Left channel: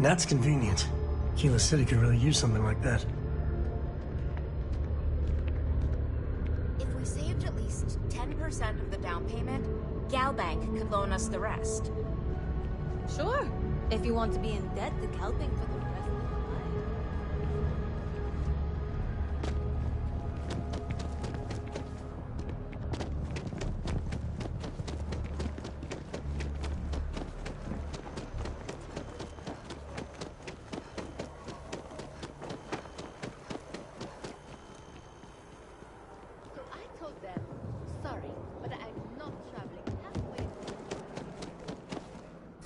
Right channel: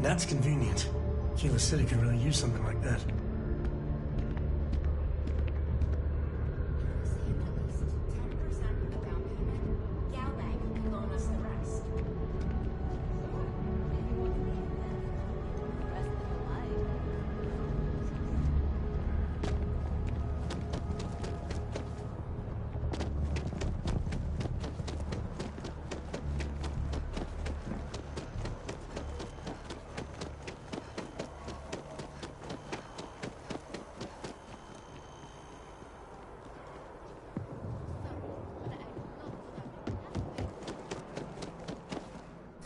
That's convenient. Kila City could really use something like that. If we saved at least 10% of the down payment, Galbank could loan us the rest. Sure. If you want to be in debt to Galbank for the rest of your life.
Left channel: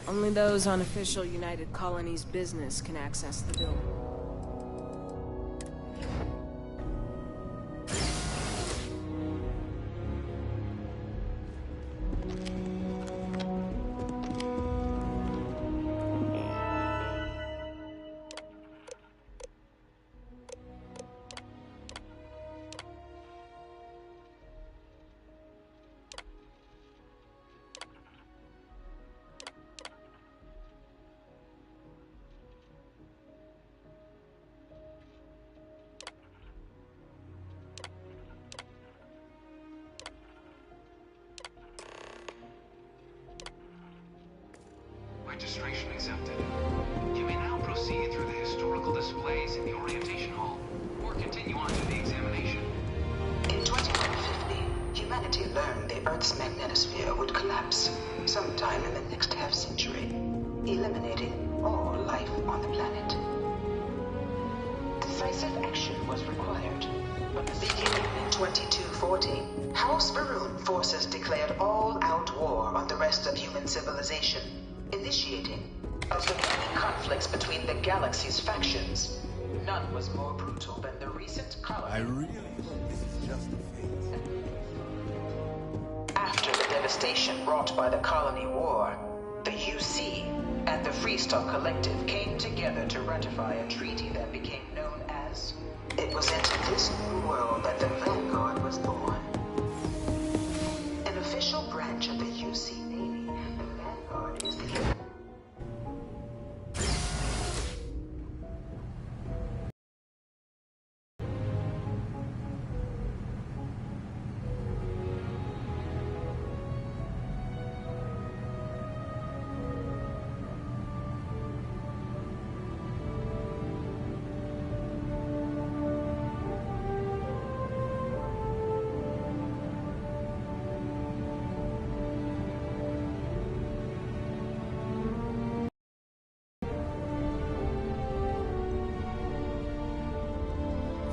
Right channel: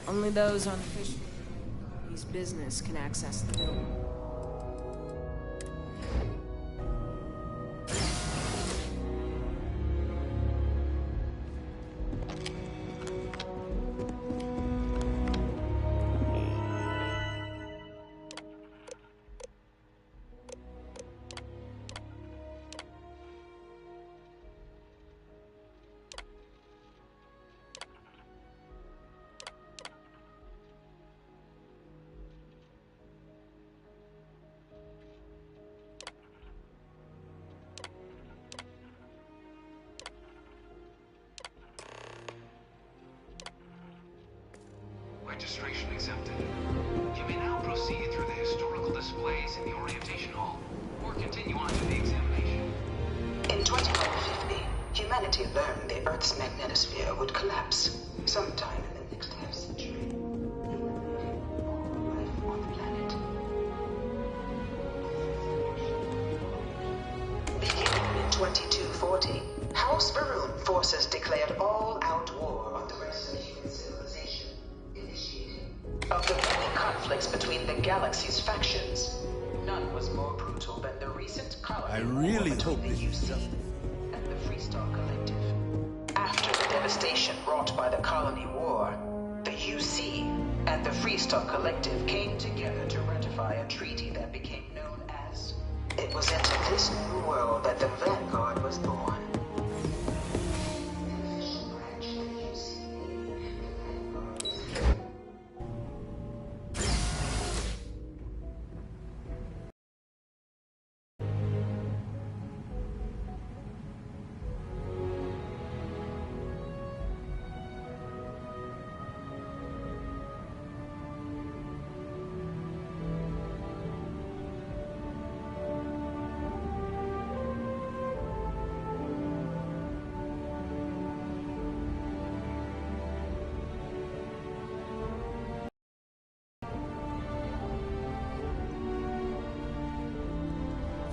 Only those on official United Colonies business can access the building. Registration accepted. You may now proceed through the historical displays in the orientation hall, or continue on to the examination. In 2150, humanity learned the Earth's magnetosphere would collapse sometime in the next half-century, eliminating all life on the planet. Decisive action was required. Beginning in 2240, House Varun forces declared all-out war on the rest of human civilization, initiating. Of the many conflicts between the galaxy's factions, none was more brutal than the recent colony. I really hope this is just a phase. And the Freestar Collective. After the devastation wrought by the colony war, the UC and the Freestar Collective came together to ratify a treaty that became known as. It was into this new world that the Vanguard was born. An official branch of the UC Navy, the Vanguard is the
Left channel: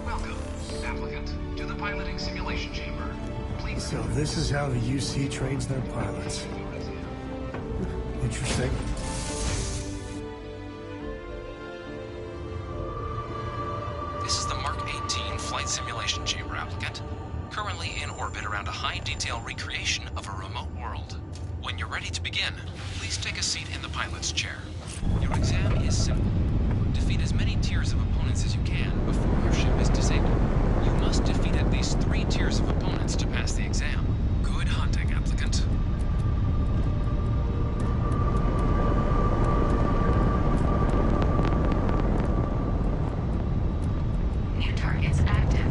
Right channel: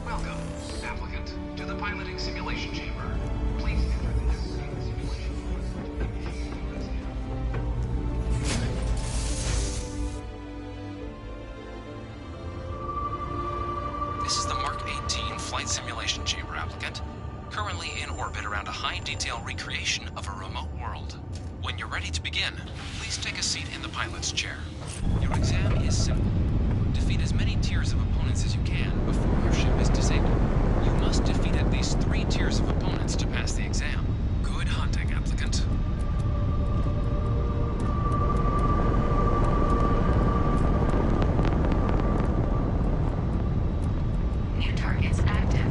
Welcome, applicant, to the piloting simulation chamber. Please. So this is how the UC trains their pilots. Interesting. This is the Mark 18 flight simulation chamber, applicant. Currently in orbit around a high-detail recreation of a remote world. When you're ready to begin, please take a seat in the pilot's chair. Your exam is simple. Defeat as many tiers of opponents as you can before your ship is disabled. You must defeat at least 3 tiers of opponents to pass the exam. Good hunting, applicant. New targets active.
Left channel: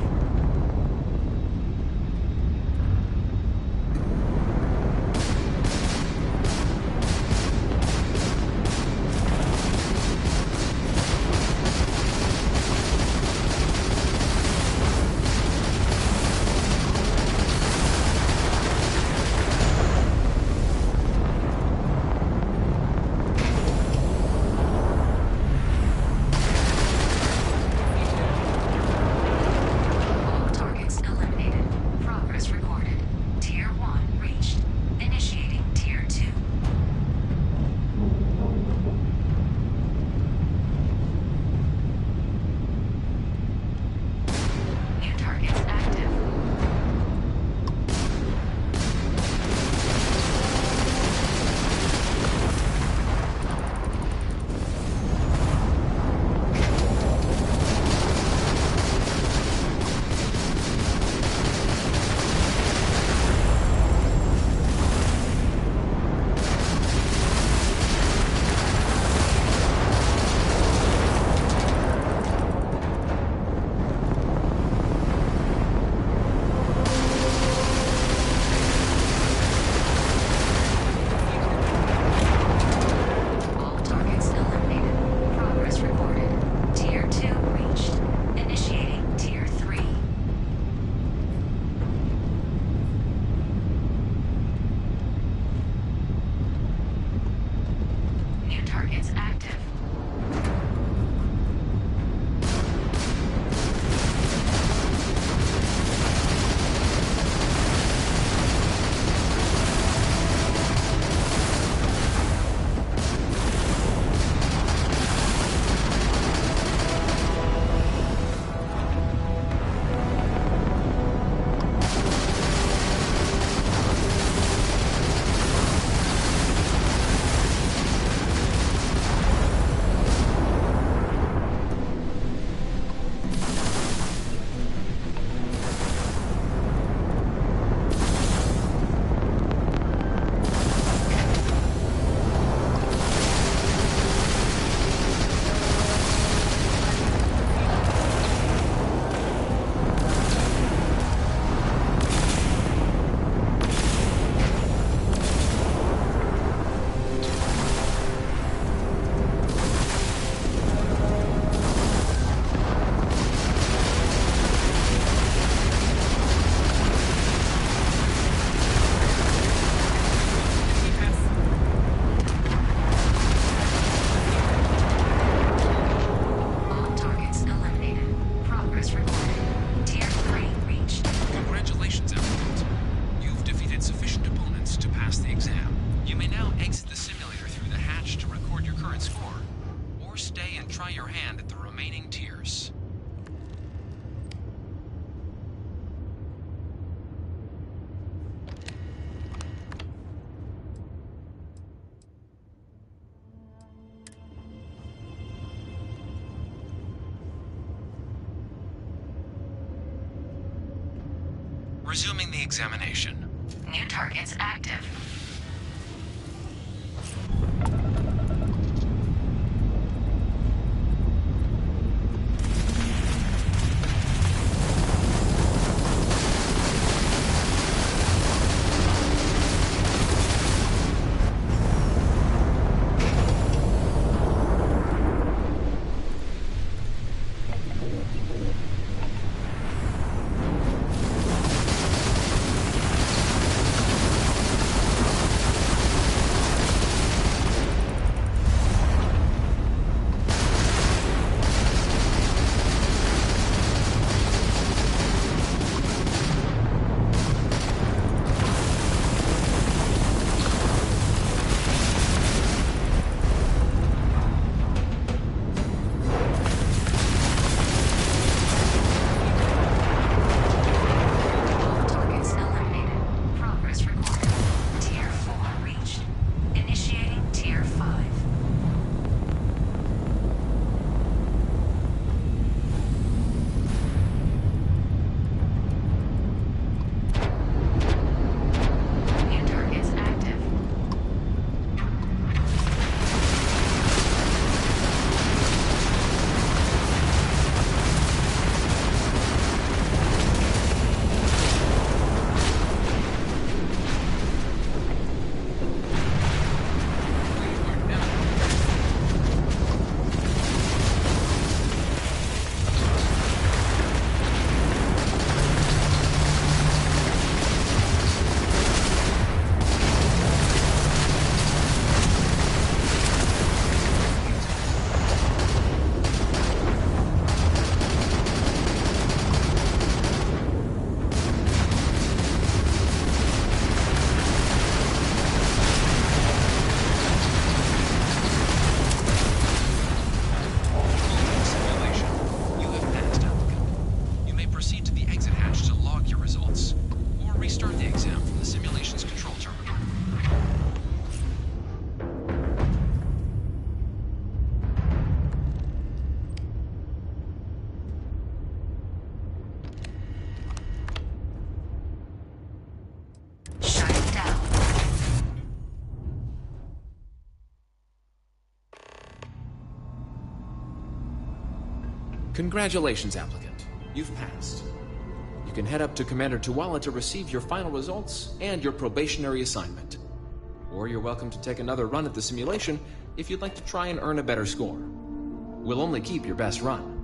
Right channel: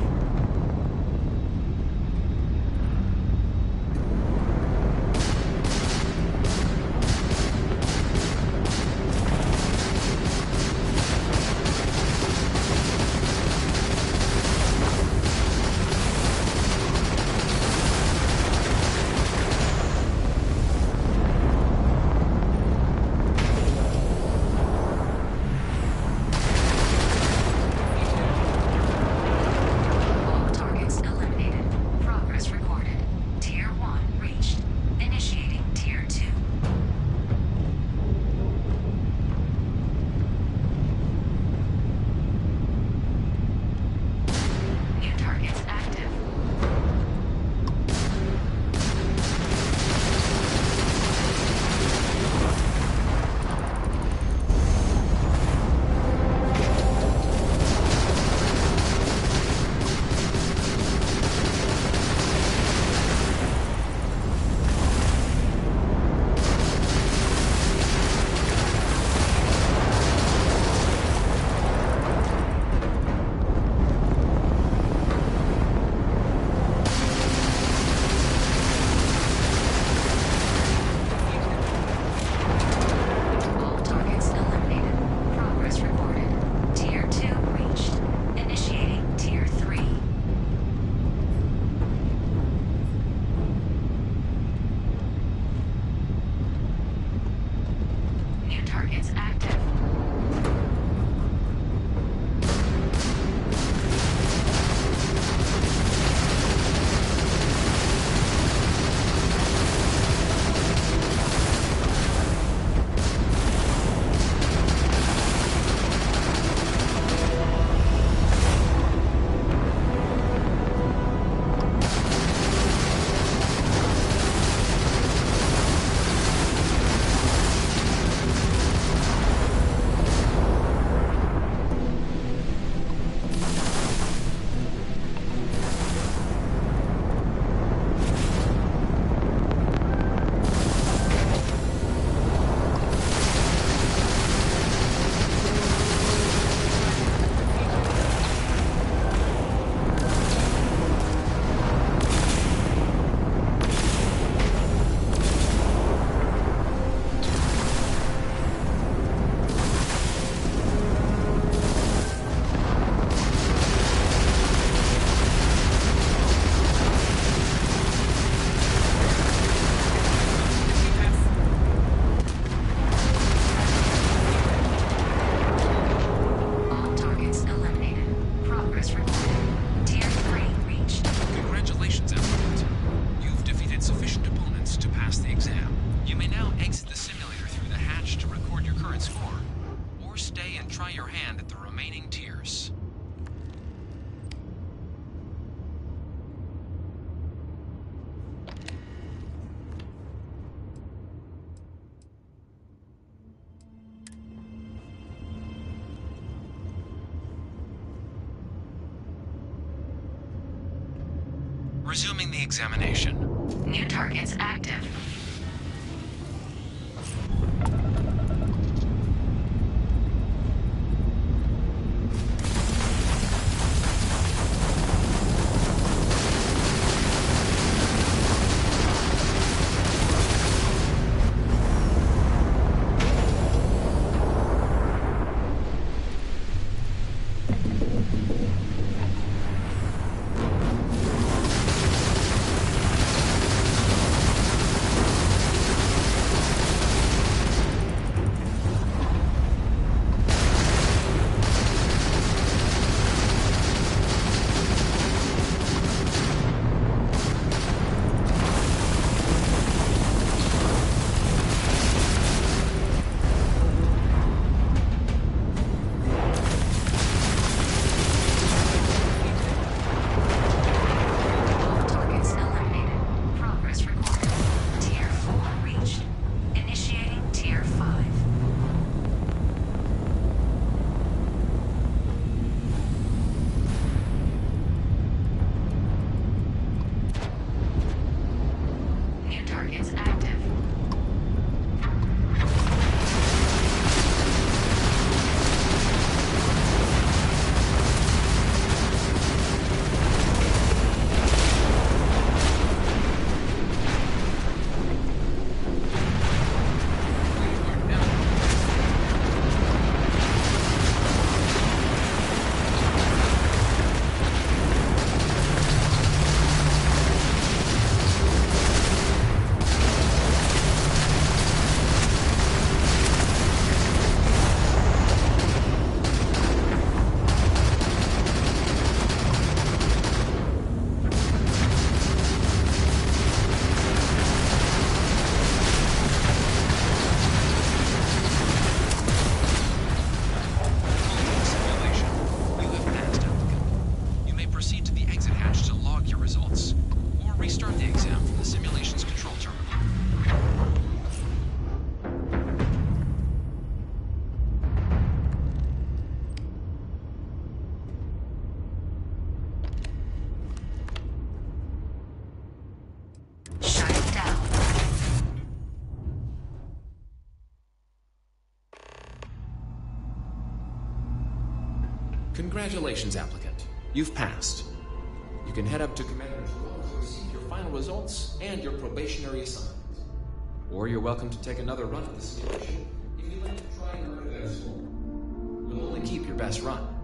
Resuming the examination. New targets active. Congratulations, applicant. You've passed. You can head up to Commander Tuwala to receive your final results and your probationary assignment. Or you're welcome to take another run at the simulation if you'd like to try and earn a better score. We'll only keep your best run.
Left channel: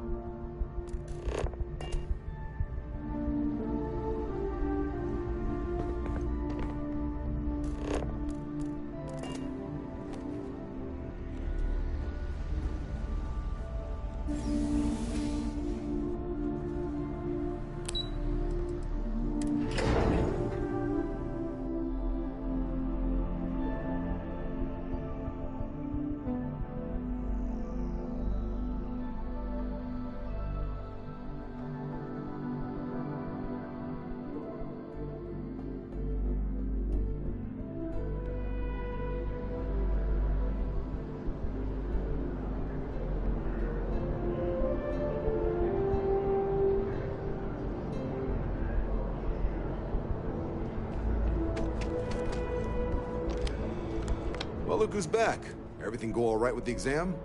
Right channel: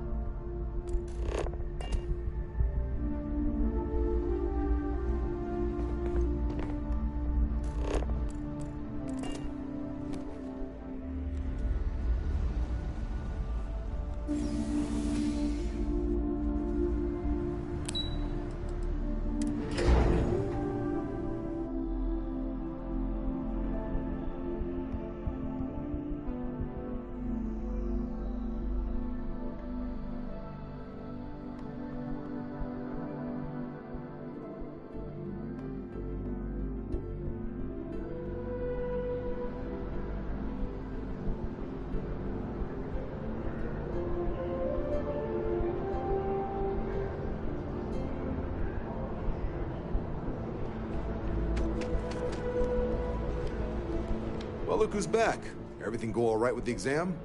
Well, look who's back. Everything go all right with the exam?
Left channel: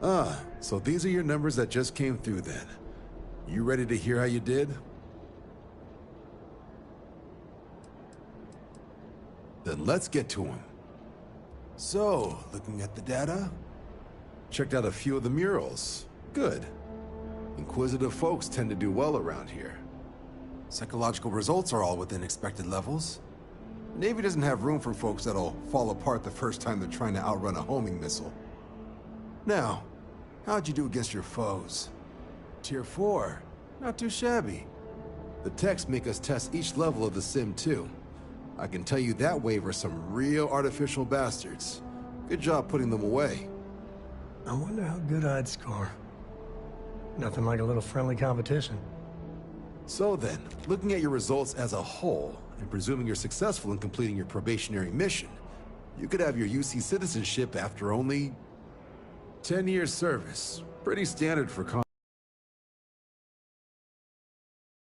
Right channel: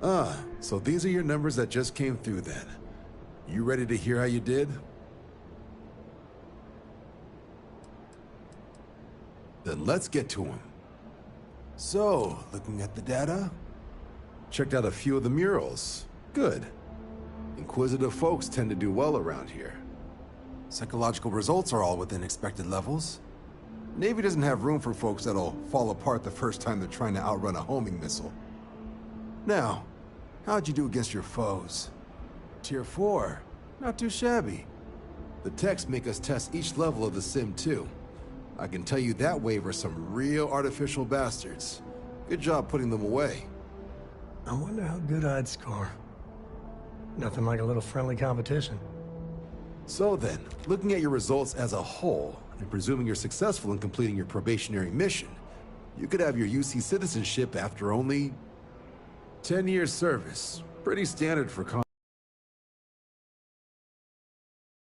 Ah, so these are your numbers that just came through then. You ready to hear how you did? Then let's get to them. So, looking at the data, checked out a few of the murals. Good. Inquisitive folks tend to do well around here. Psychological results are all within expected levels. Navy doesn't have room for folks that'll fall apart the first time they're trying to outrun a homing missile. Now, how'd you do against your foes? Tier 4. Not too shabby. The techs make us test each level of the sim too. I can tell you that waiver's some real artificial bastards. Good job putting them away. I wonder how good I'd score. Nothing like a little friendly competition. So then, looking at your results as a whole, and presuming you're successful in completing your probationary mission, you could have your UC citizenship after only 10 years service. Pretty standard for con.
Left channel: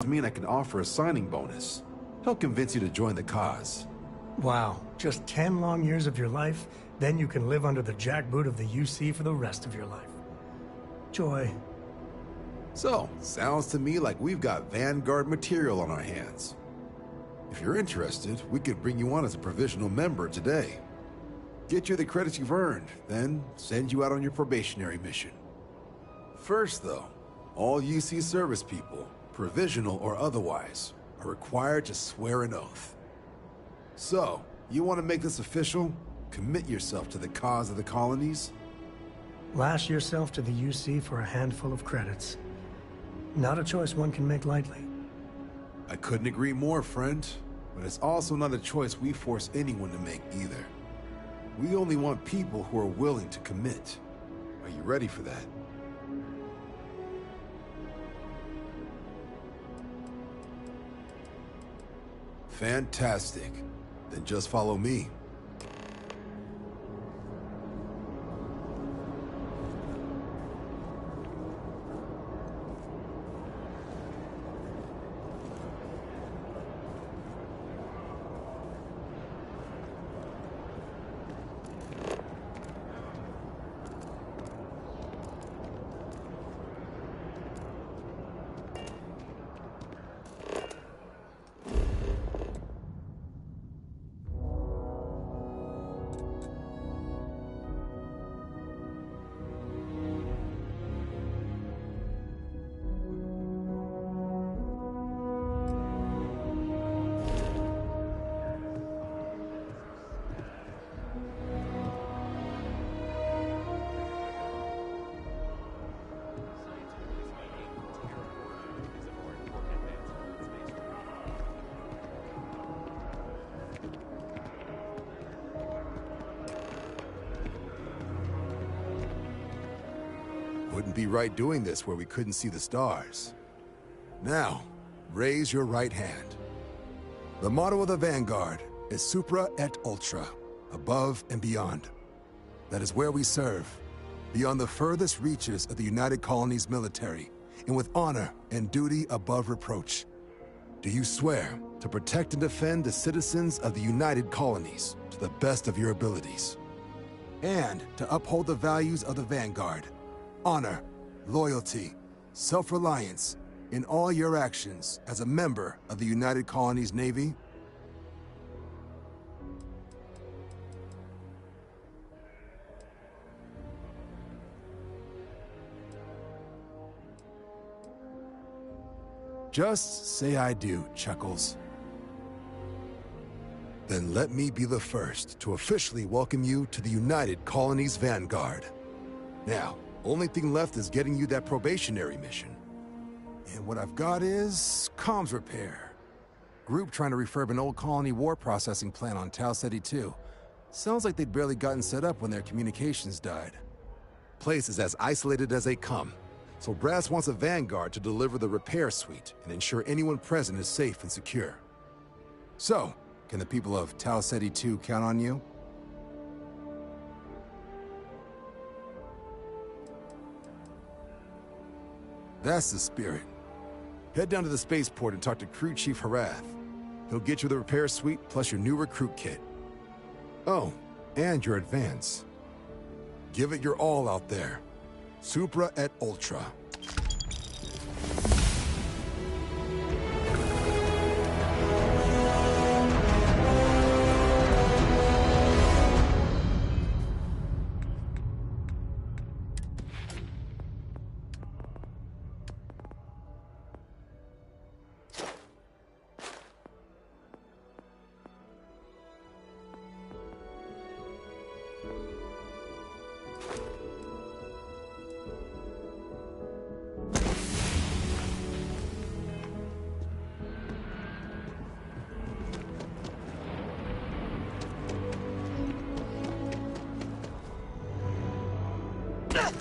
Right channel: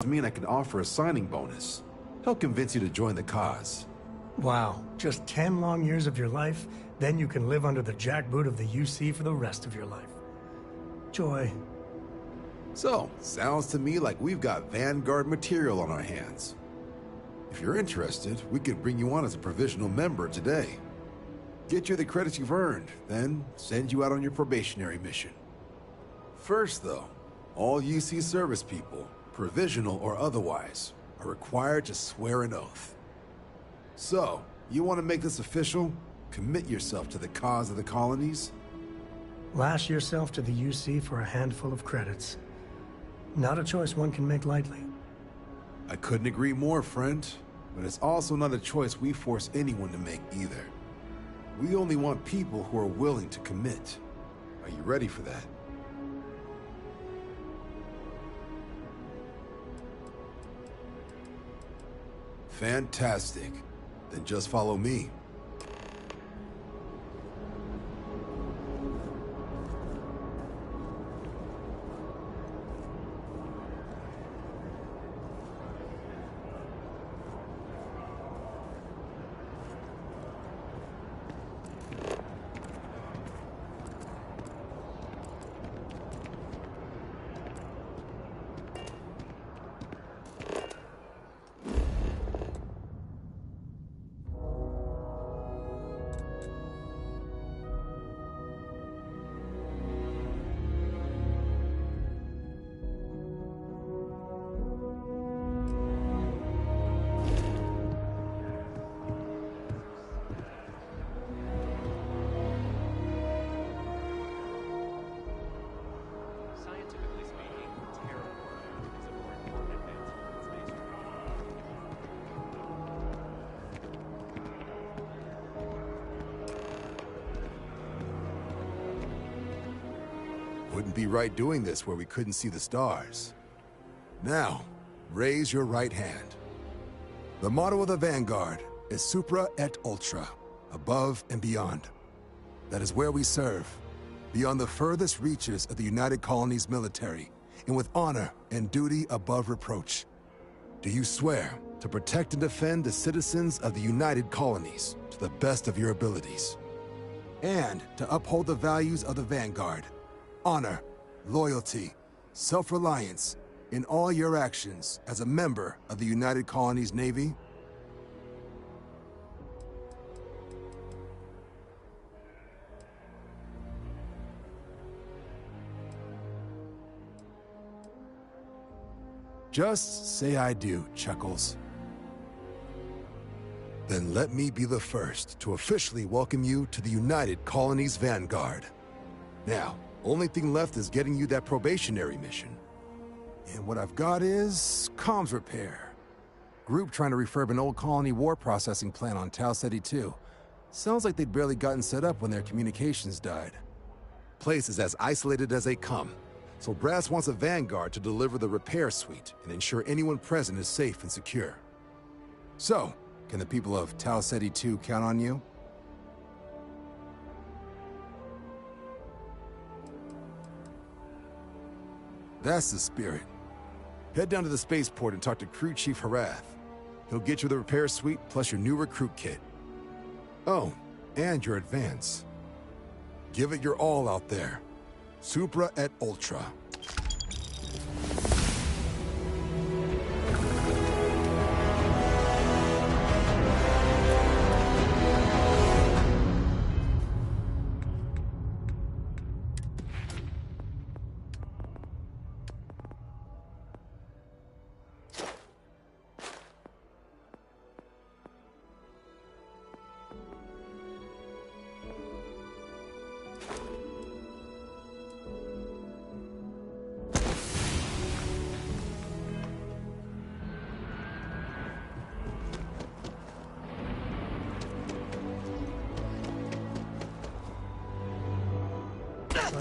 I mean, I can offer a signing bonus. He'll convince you to join the cause. Wow, just 10 long years of your life, then you can live under the jackboot of the UC for the rest of your life. Joy. So, sounds to me like we've got Vanguard material on our hands. If you're interested, we could bring you on as a provisional member today. Get you the credits you've earned, then send you out on your probationary mission. First, though, all UC service people, provisional or otherwise, are required to swear an oath. So, you want to make this official? Commit yourself to the cause of the colonies? Lash yourself to the UC for a handful of credits. Not a choice one can make lightly. I couldn't agree more, friend. But it's also not a choice we force anyone to make either. We only want people who are willing to commit. Are you ready for that? Fantastic. Then just follow me. Wouldn't be right doing this where we couldn't see the stars. Now, raise your right hand. The motto of the Vanguard is Supra et Ultra, above and beyond. That is where we serve, beyond the furthest reaches of the United Colonies military, and with honor and duty above reproach. Do you swear to protect and defend the citizens of the United Colonies to the best of your abilities? And to uphold the values of the Vanguard, honor, loyalty, self-reliance in all your actions as a member of the United Colonies Navy? Just say I do, Chuckles. Then let me be the first to officially welcome you to the United Colonies Vanguard. Now, only thing left is getting you that probationary mission. And what I've got is comms repair. Group trying to refurb an old colony war processing plant on Tau Ceti 2. Sounds like they'd barely gotten set up when their communications died. Place is as isolated as they come, so Brass wants a Vanguard to deliver the repair suite and ensure anyone present is safe and secure. So, can the people of Tau Ceti 2 count on you? That's the spirit. Head down to the spaceport and talk to Crew Chief Harath. He'll get you the repair suite plus your new recruit kit. Oh, and your advance. Give it your all out there. Supra et Ultra.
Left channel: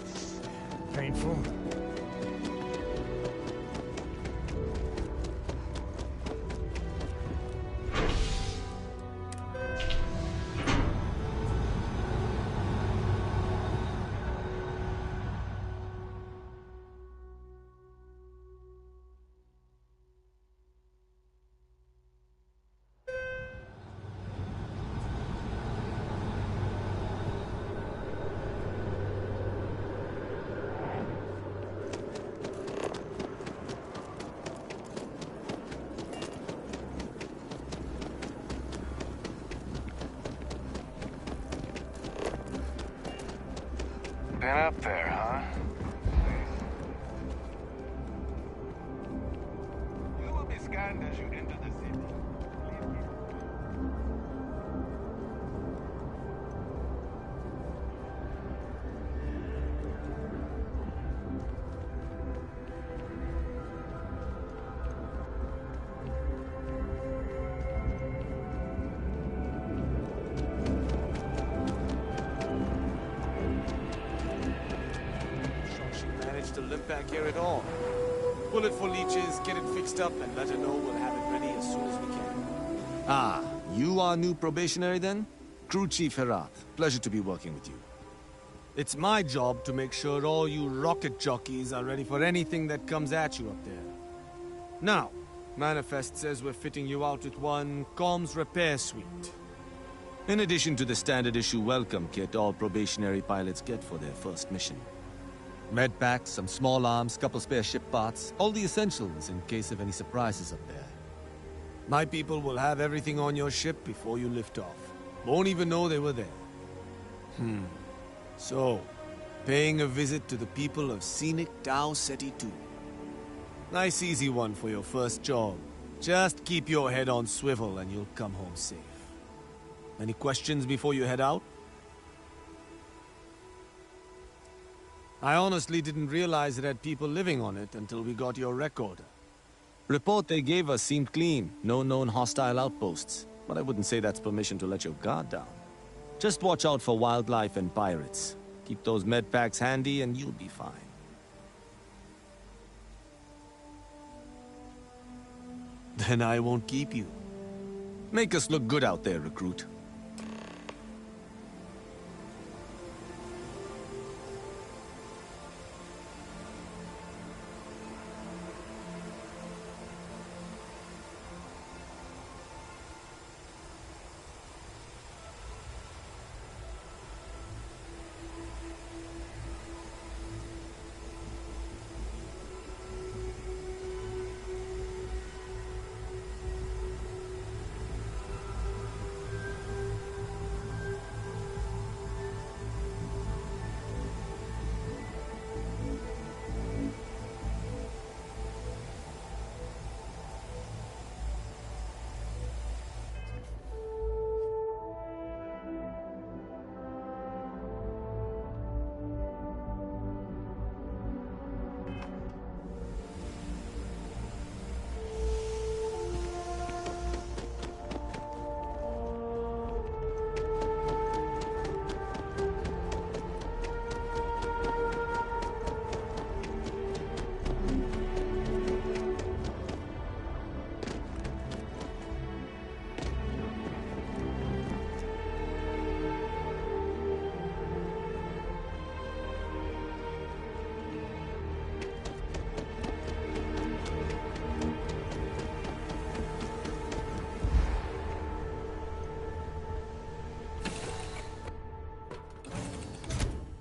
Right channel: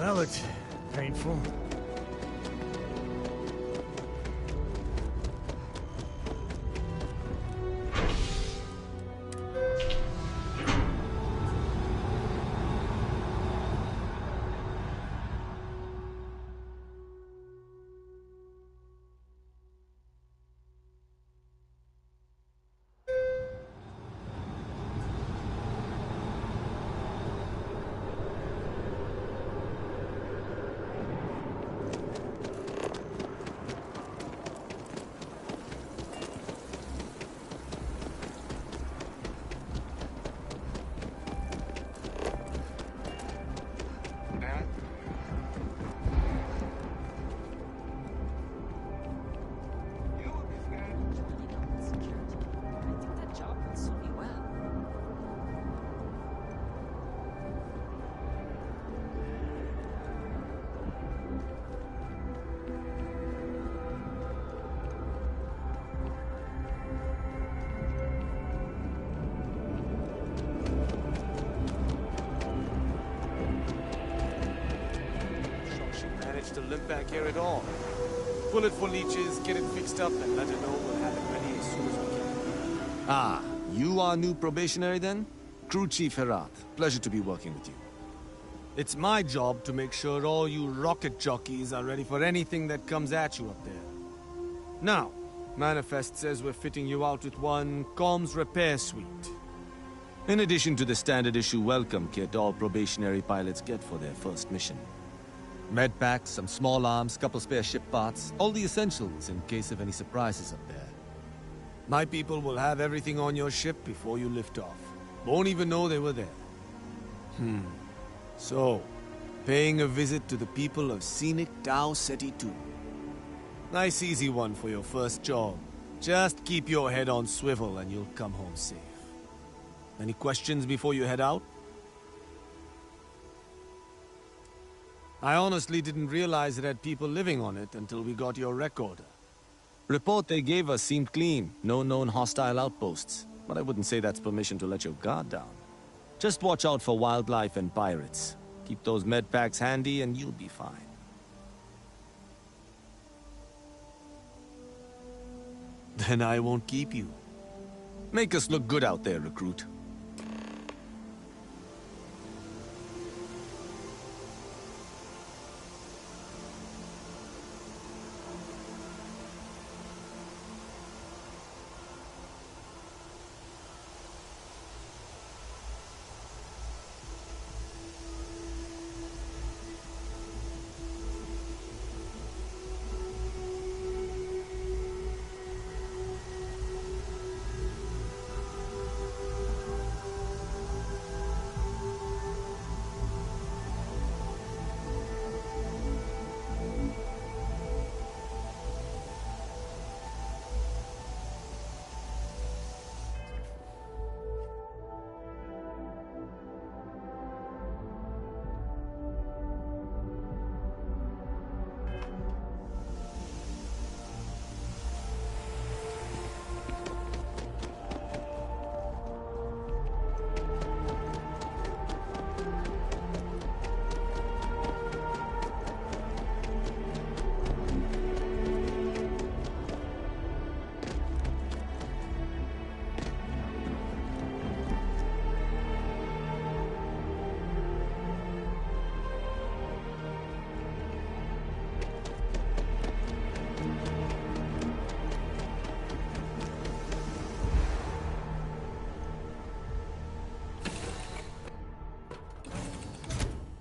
That looked painful. to limp back here at all. Pull it for leeches, get it fixed up, and let her know we'll have it ready as soon as we can. Ah, you are new probationary then? Crew Chief Herat, pleasure to be working with you. It's my job to make sure all you rocket jockeys are ready for anything that comes at you up there. Now, Manifest says we're fitting you out with one comms repair suite. In addition to the standard issue welcome kit all probationary pilots get for their first mission. Med packs, some small arms, couple spare ship parts, all the essentials in case of any surprises up there. My people will have everything on your ship before you lift off. Won't even know they were there. So, paying a visit to the people of scenic Tau Ceti 2. Nice easy one for your first job. Just keep your head on swivel and you'll come home safe. Any questions before you head out? I honestly didn't realize it had people living on it until we got your recorder. Report they gave us seemed clean, no known hostile outposts, but I wouldn't say that's permission to let your guard down. Just watch out for wildlife and pirates. Keep those med packs handy and you'll be fine. Then I won't keep you. Make us look good out there, recruit.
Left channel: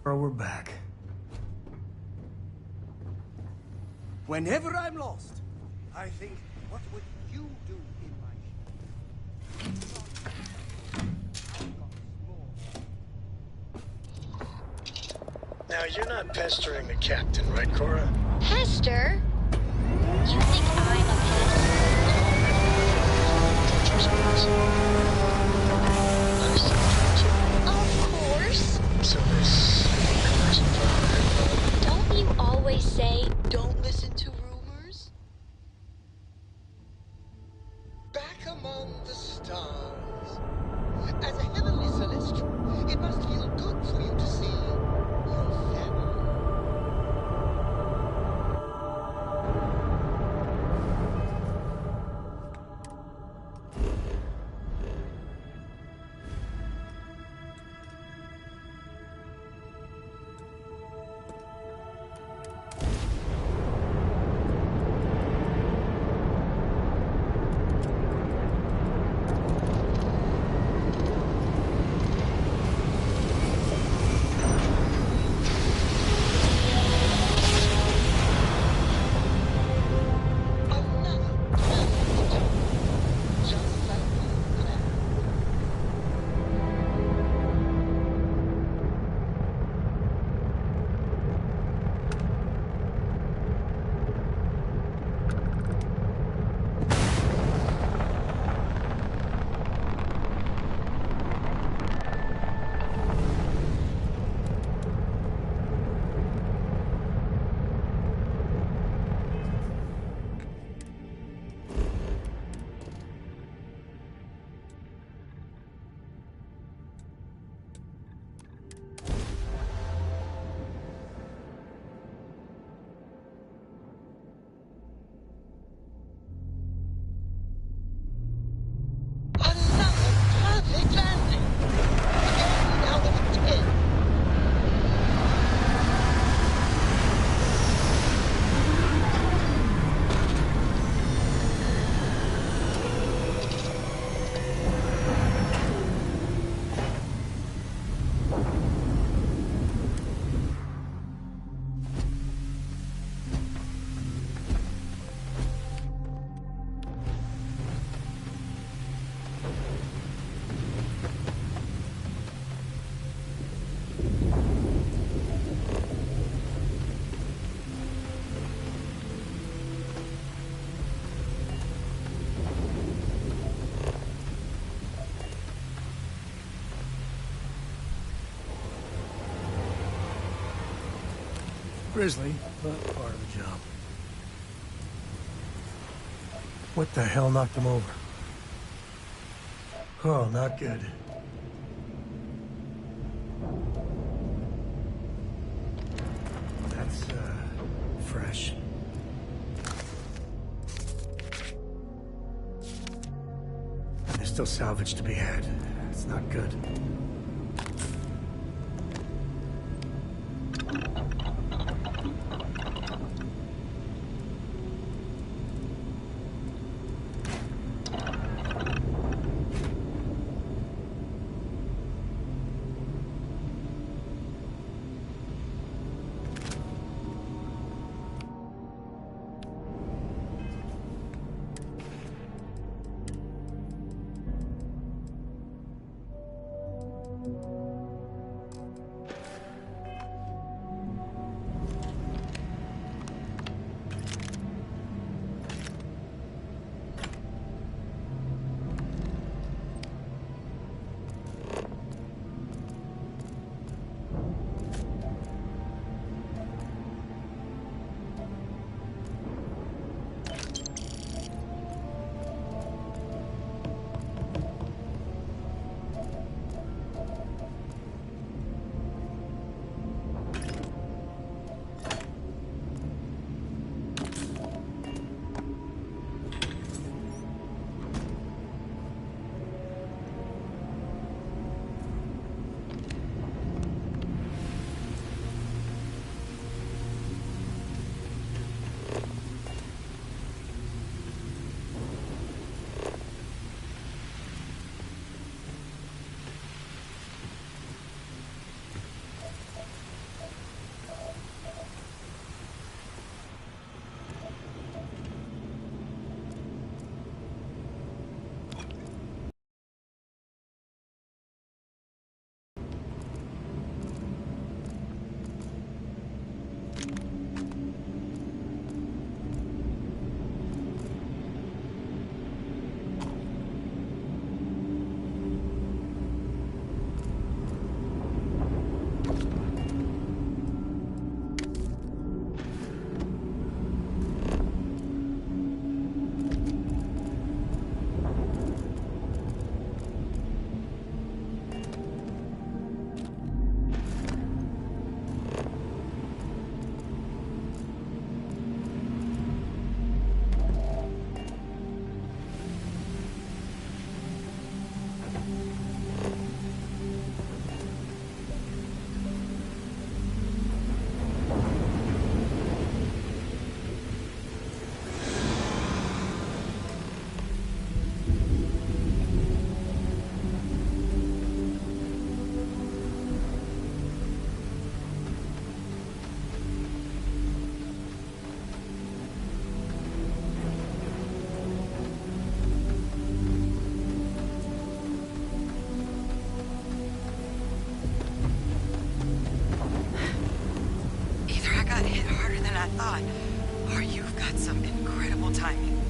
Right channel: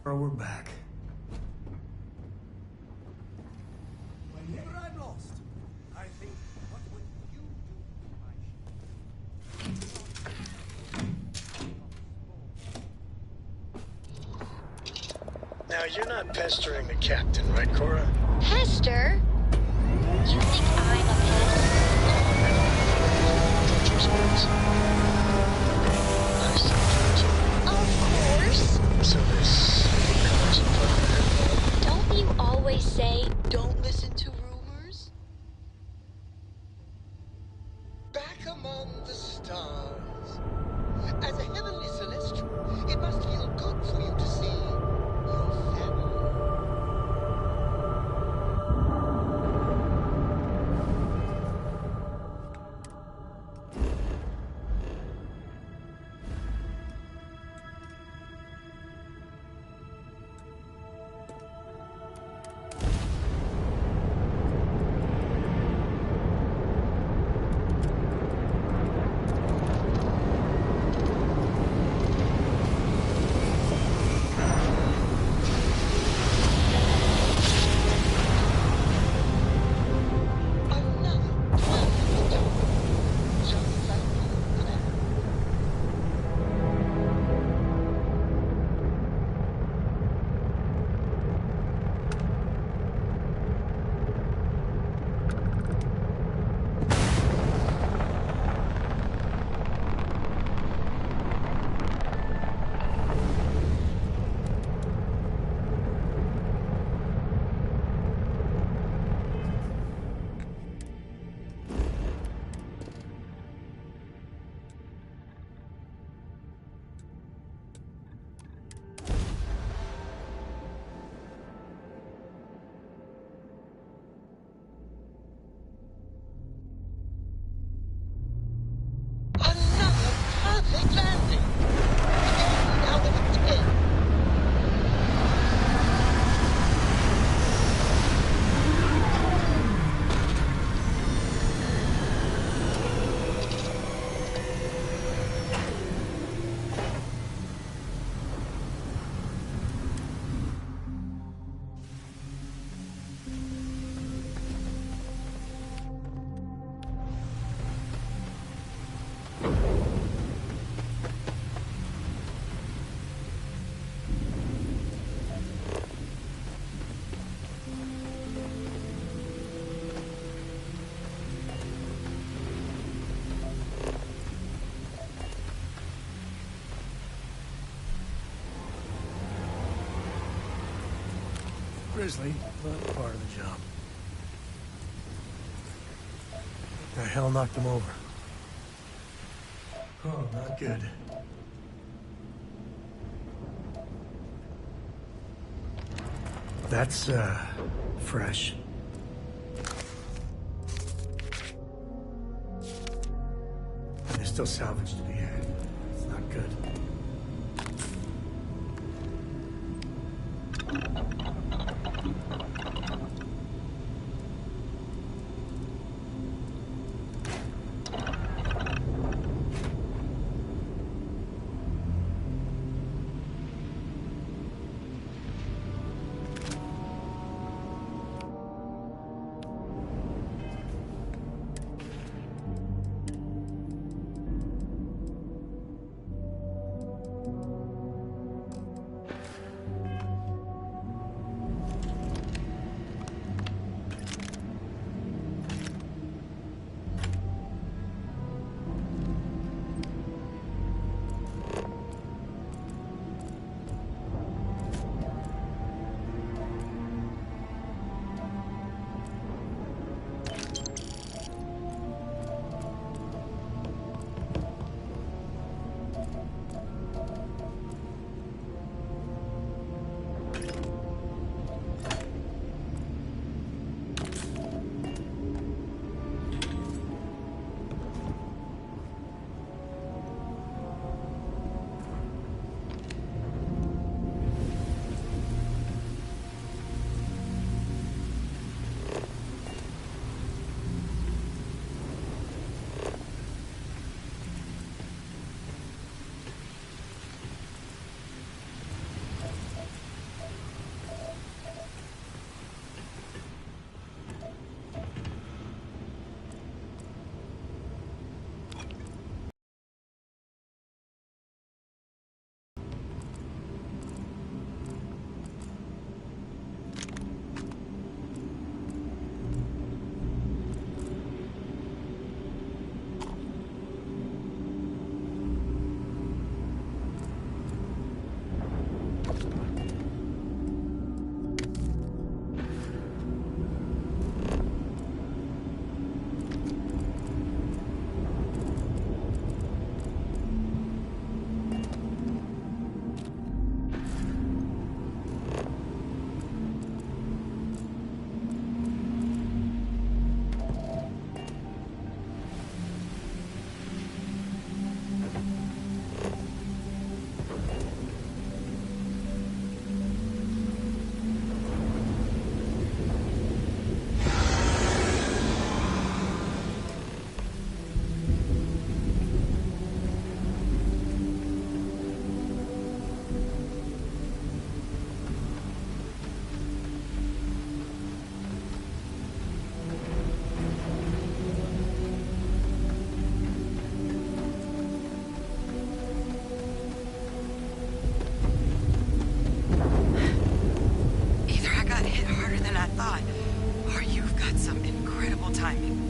We're back. Whenever I'm lost, I think, what would you do in my ship? Now, you're not pestering the captain, right, Cora? Pester? You think I'm a pest? Nice to meet you. Of course. So this collection file, Don't you always say, don't listen to rumors? Back among the stars. As a heavenly celestial, it must feel good for you to see your family. Grisly, but part of the job. What the hell knocked him over? Oh, not good. That's, fresh. And there's still salvage to be had. It's not good.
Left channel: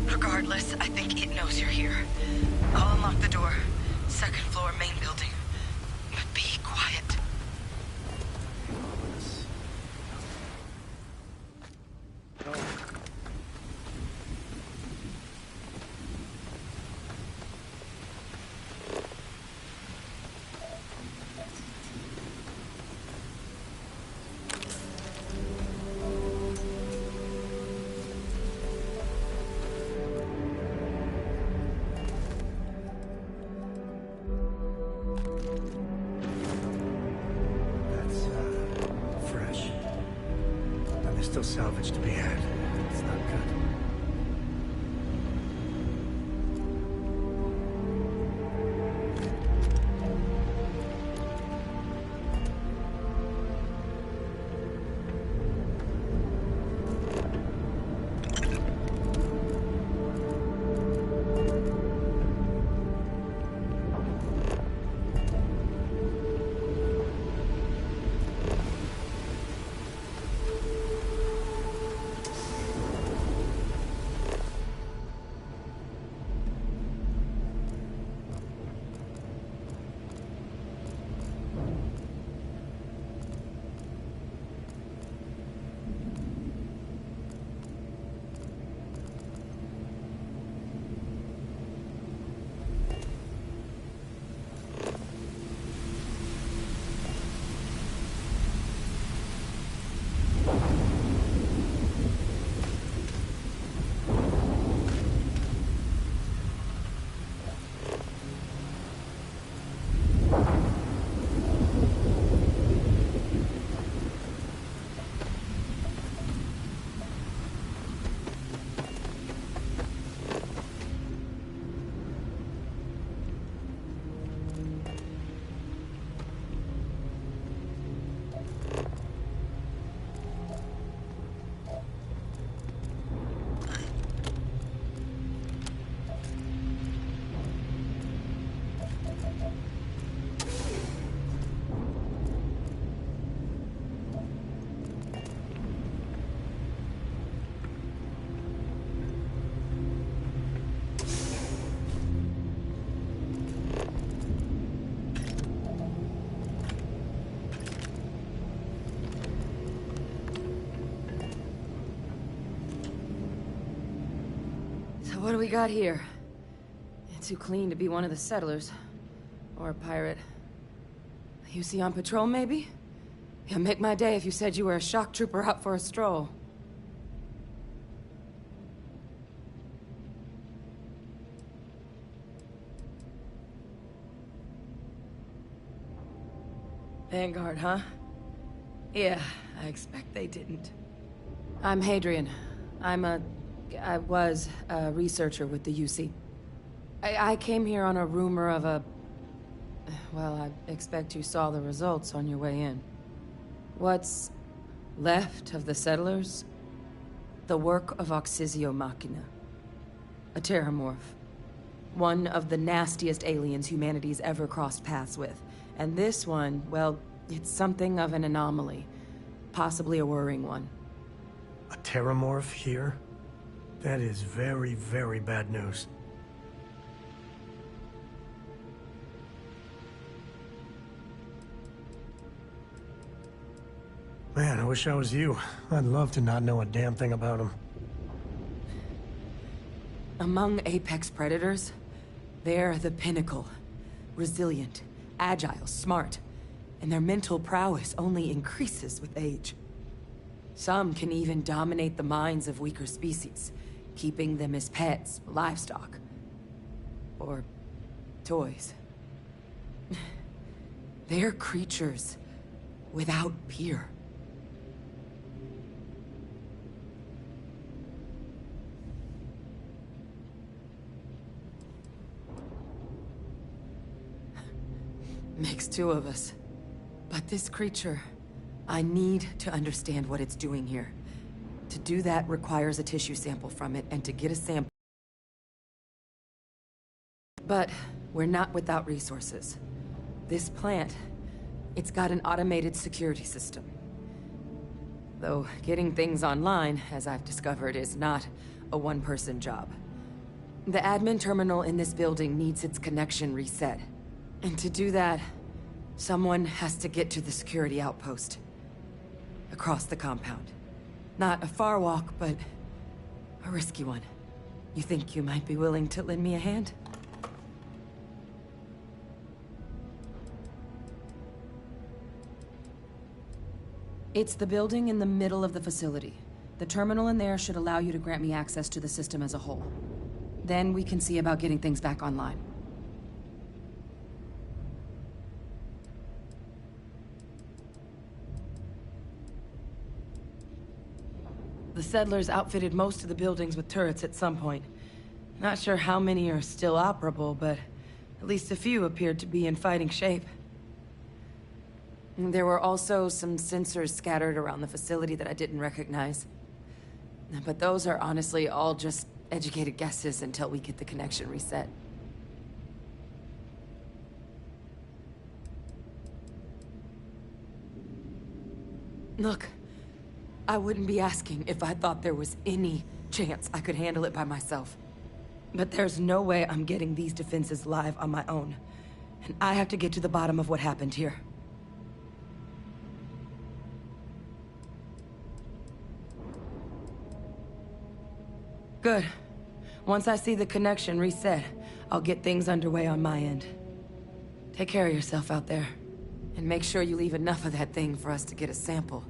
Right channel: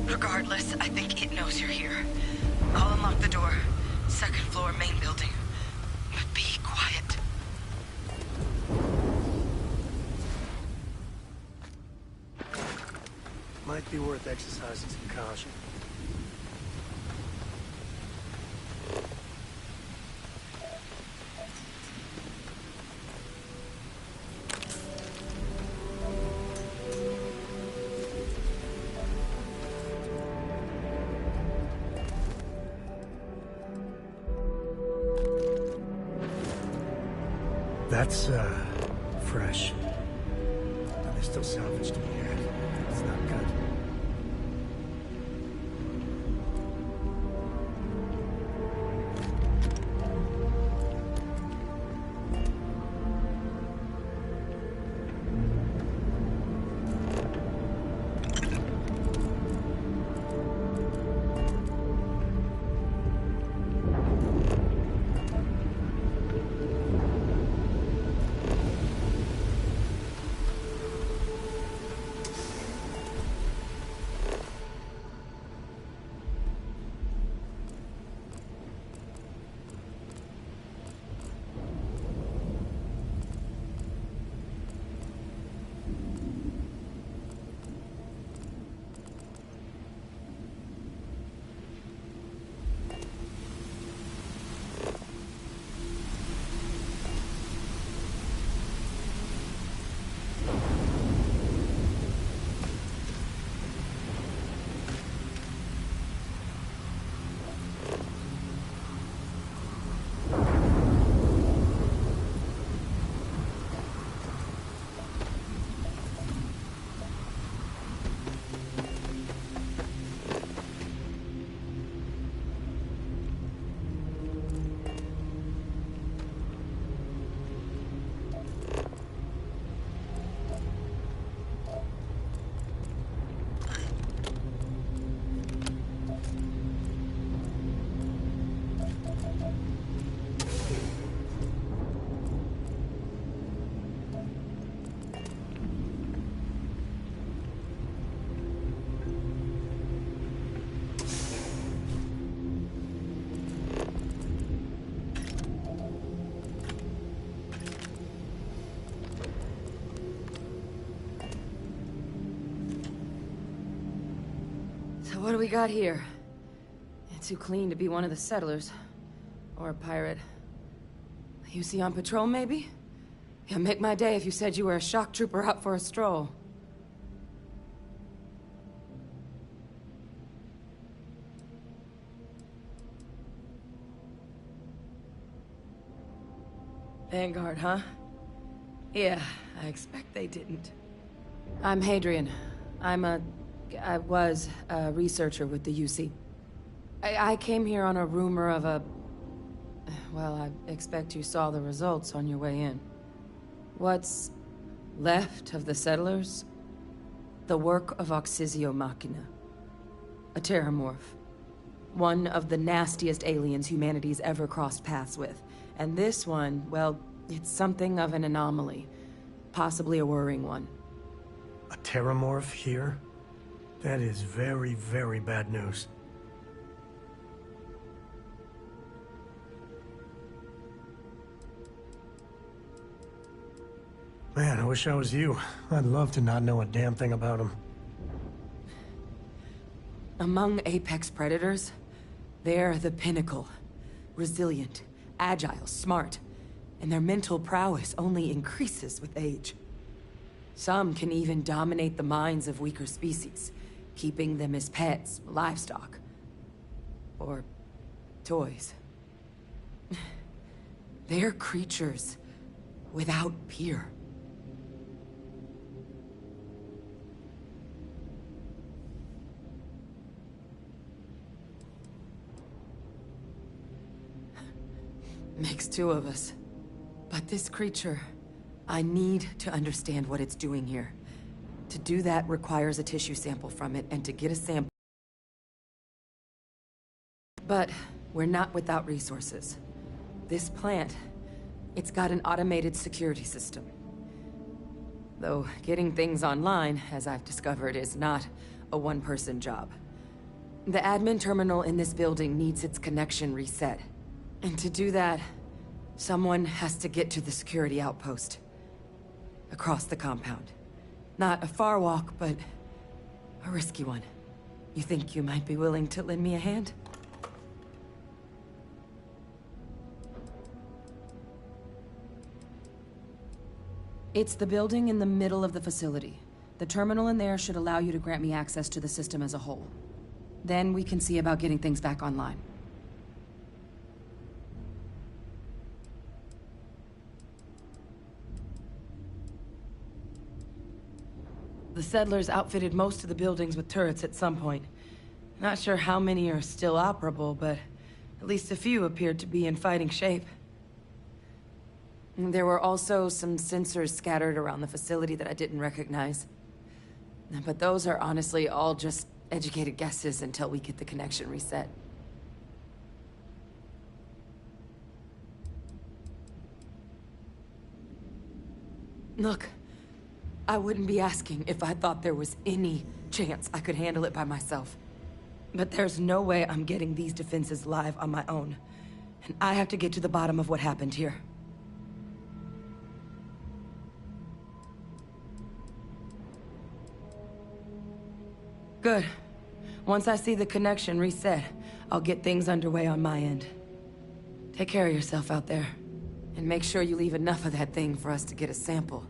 Regardless, I think it knows you're here. I'll unlock the door. Second floor, main building. But be quiet. Might be worth exercising some caution. That's, fresh. And there's still salvage to be had. It's not good. What do we got here? Too clean to be one of the settlers. Or a pirate. You see on patrol, maybe? Yeah, make my day if you said you were a shock trooper out for a stroll. Vanguard, huh? Yeah, I expect they didn't. I'm Hadrian. I was a researcher with the UC. I came here on a rumor of a... Well, I expect you saw the results on your way in. What's left of the settlers? The work of Oxysio Machina. A terramorph. One of the nastiest aliens humanity's ever crossed paths with. And this one, well, it's something of an anomaly. Possibly a worrying one. A terramorph here? That is very, very bad news. Man, I wish I was you. I'd love to not know a damn thing about him. Among apex predators, they're the pinnacle. Resilient, agile, smart. And their mental prowess only increases with age. Some can even dominate the minds of weaker species, keeping them as pets, livestock, or toys. They're creatures without peer. Makes two of us. But this creature, I need to understand what it's doing here. To do that requires a tissue sample from it, and to get a sample... But we're not without resources. This plant, it's got an automated security system. Though getting things online, as I've discovered, is not a one-person job. The admin terminal in this building needs its connection reset. And to do that, someone has to get to the security outpost. Across the compound. Not a far walk, but a risky one. You think you might be willing to lend me a hand? It's the building in the middle of the facility. The terminal in there should allow you to grant me access to the system as a whole. Then we can see about getting things back online. The settlers outfitted most of the buildings with turrets at some point. Not sure how many are still operable, but at least a few appeared to be in fighting shape. There were also some sensors scattered around the facility that I didn't recognize. But those are honestly all just educated guesses until we get the connection reset. Look. I wouldn't be asking if I thought there was any chance I could handle it by myself. But there's no way I'm getting these defenses live on my own. And I have to get to the bottom of what happened here. Good. Once I see the connection reset, I'll get things underway on my end. Take care of yourself out there. And make sure you leave enough of that thing for us to get a sample.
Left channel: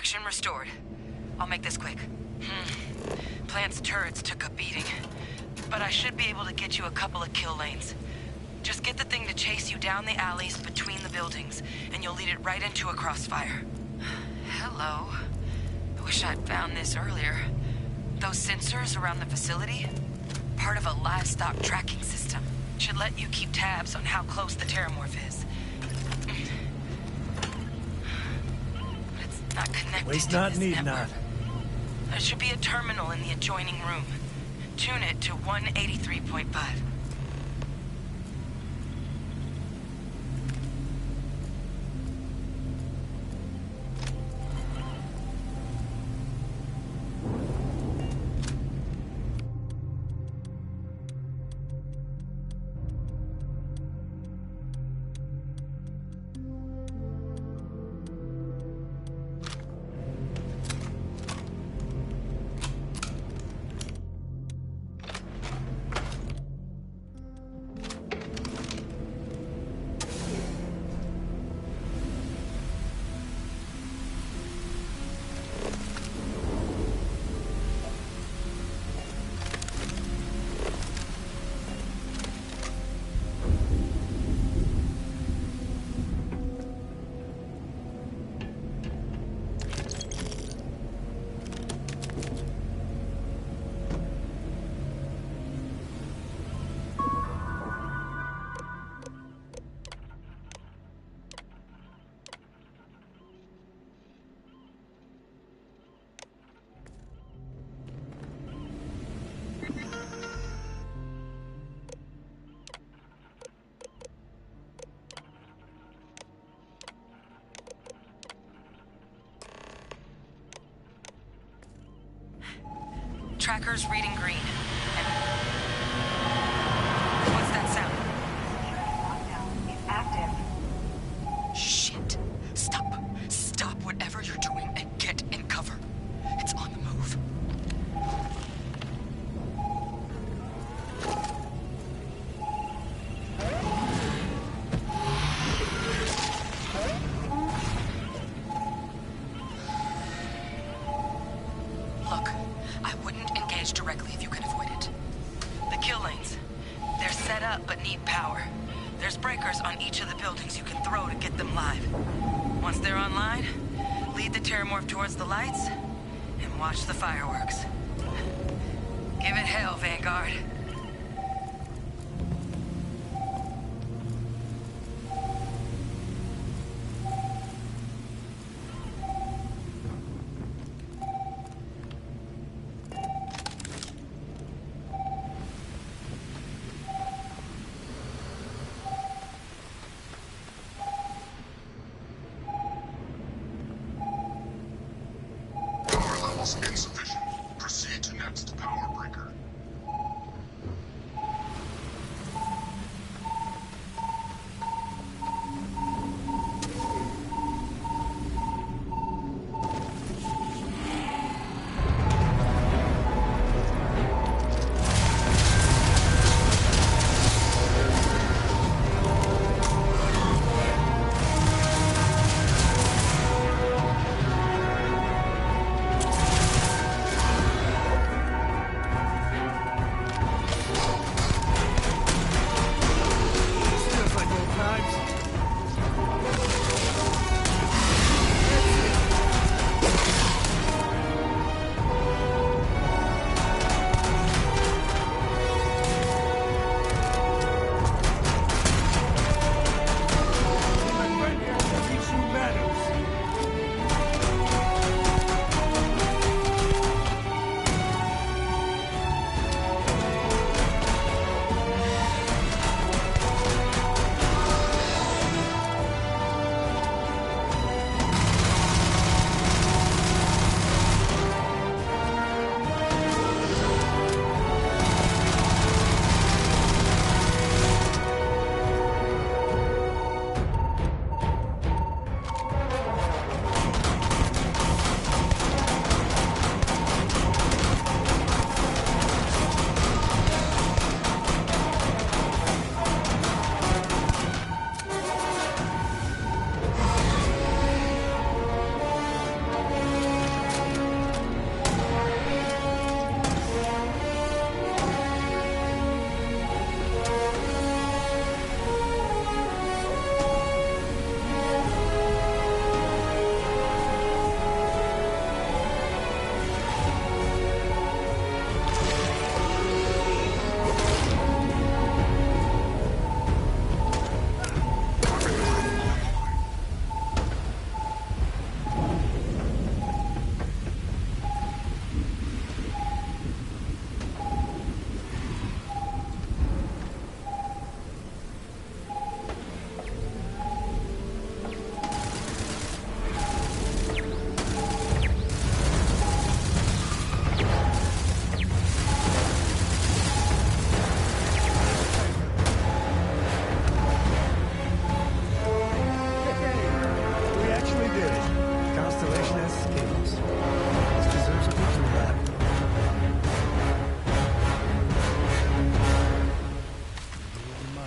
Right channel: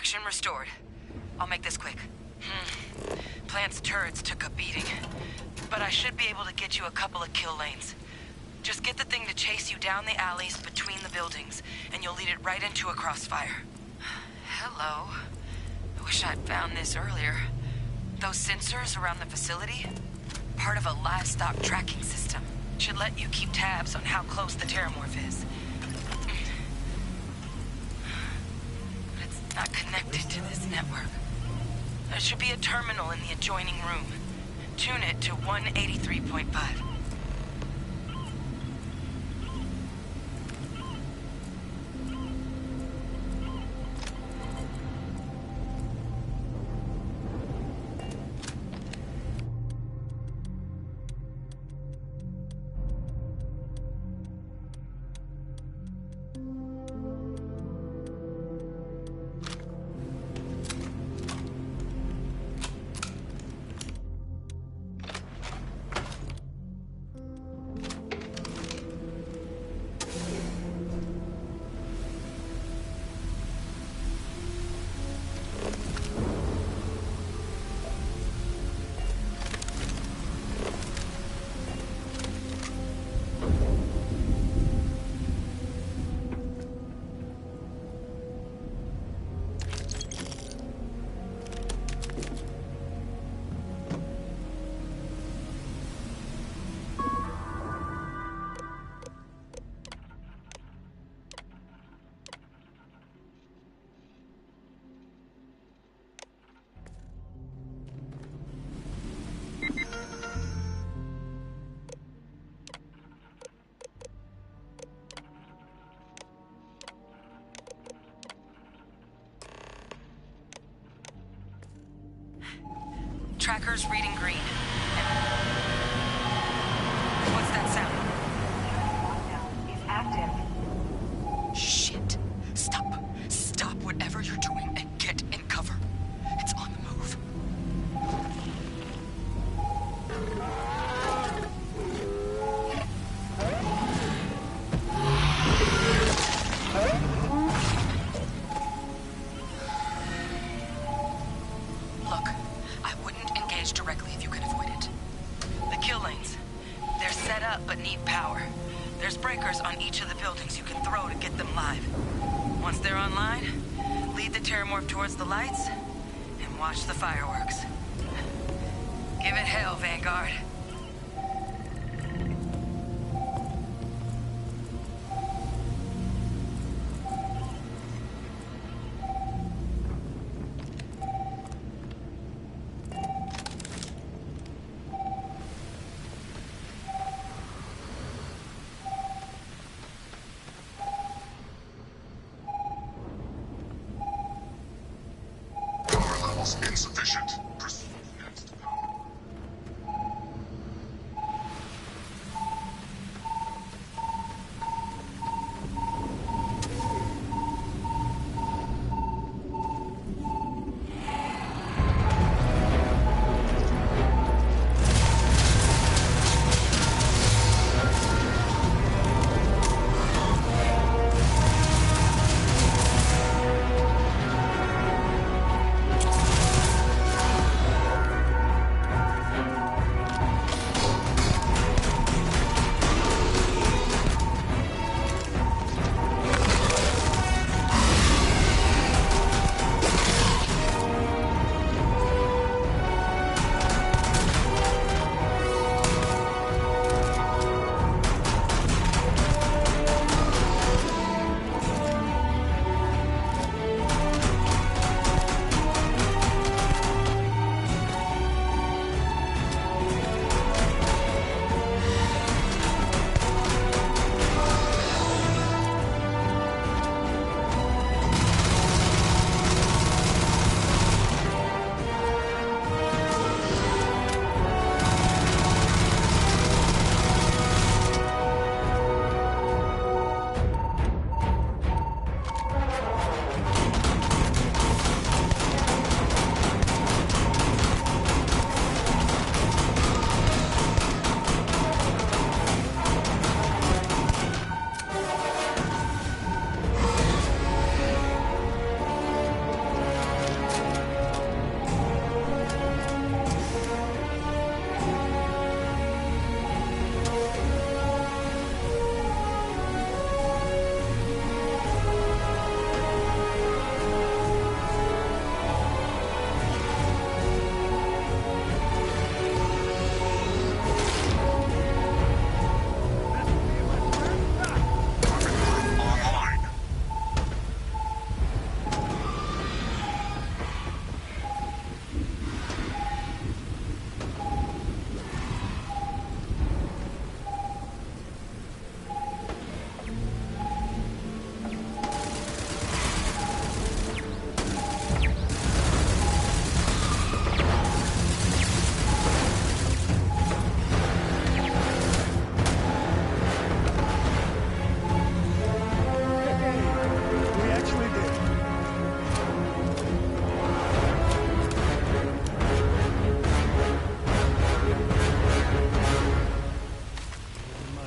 Connection restored. I'll make this quick. Plant's turrets took a beating, but I should be able to get you a couple of kill lanes. Just get the thing to chase you down the alleys between the buildings, and you'll lead it right into a crossfire. Hello. I wish I'd found this earlier. Those sensors around the facility? Part of a livestock tracking system. Should let you keep tabs on how close the terramorph is. But it's not connected to this network. There should be a terminal in the adjoining room. Tune it to 183.5. Tracker's reading green. What's that sound? Lockdown is active. Shit. Stop. Stop whatever you're doing and get in cover. It's on the move. Look, I wouldn't engage directly if you can avoid it. The kill lanes. They're set up but need power. There's breakers on each of the buildings you can throw to get them live. Once they're online, lead the terramorph towards the lights and watch the fireworks. Give it hell, Vanguard. Insufficient. Proceed to next power breaker.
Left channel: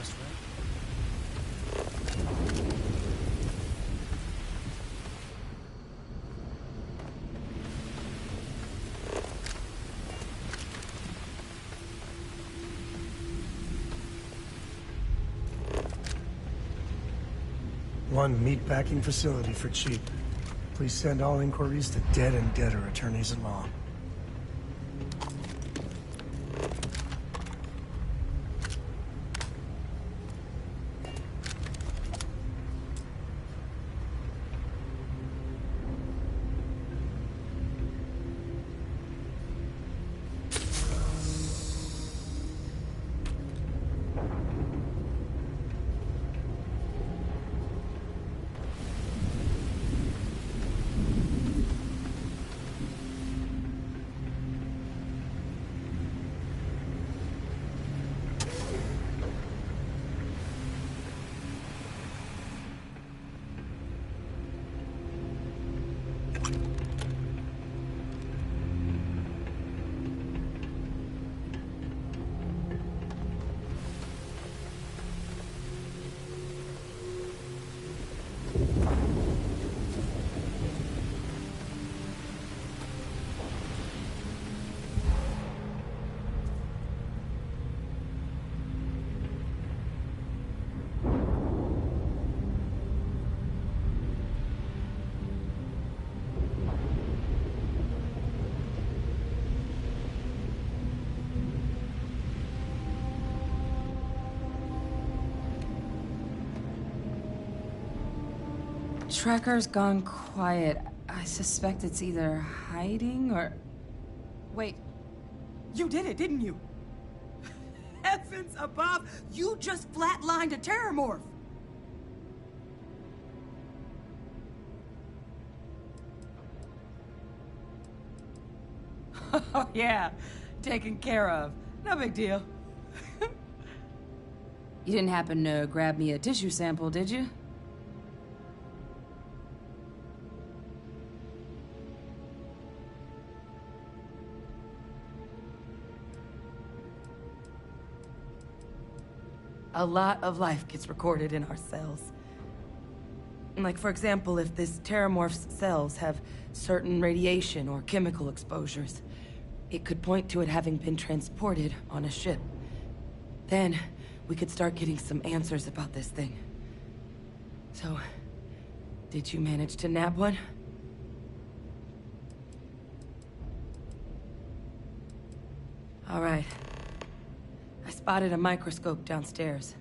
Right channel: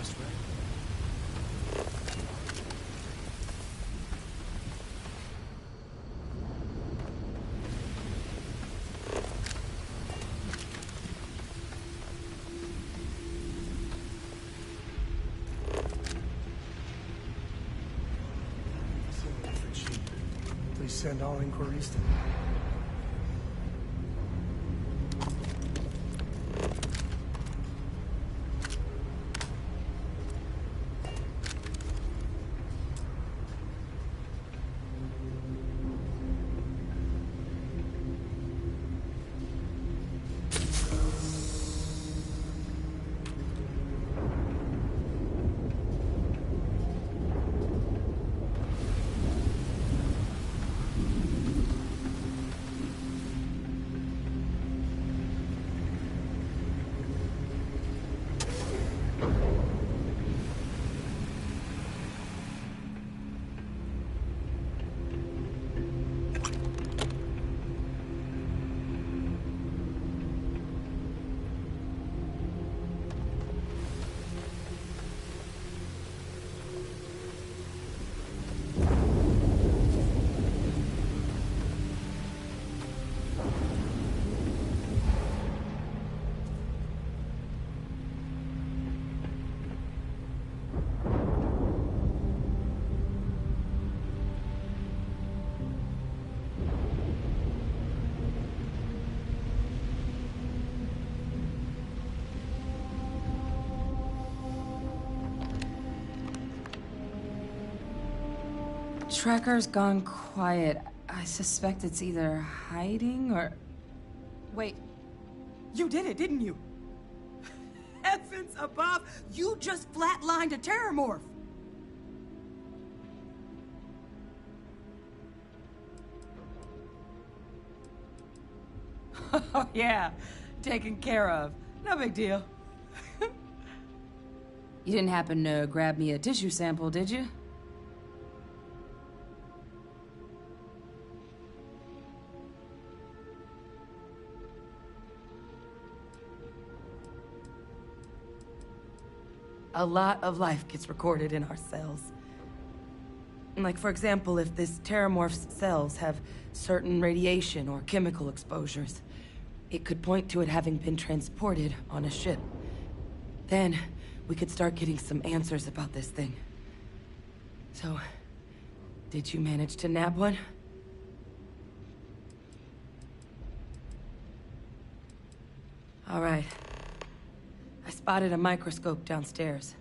just right. One meatpacking facility for cheap. Please send all inquiries to dead and debtor attorneys-in-law. Tracker's gone quiet. I suspect it's either hiding or... Wait. You did it, didn't you? Heavens above! You just flatlined a terramorph! Oh, yeah. Taken care of. No big deal. You didn't happen to grab me a tissue sample, did you? A lot of life gets recorded in our cells. Like, for example, if this terramorph's cells have certain radiation or chemical exposures, it could point to it having been transported on a ship. Then, we could start getting some answers about this thing. So, did you manage to nab one? All right. I spotted a microscope downstairs.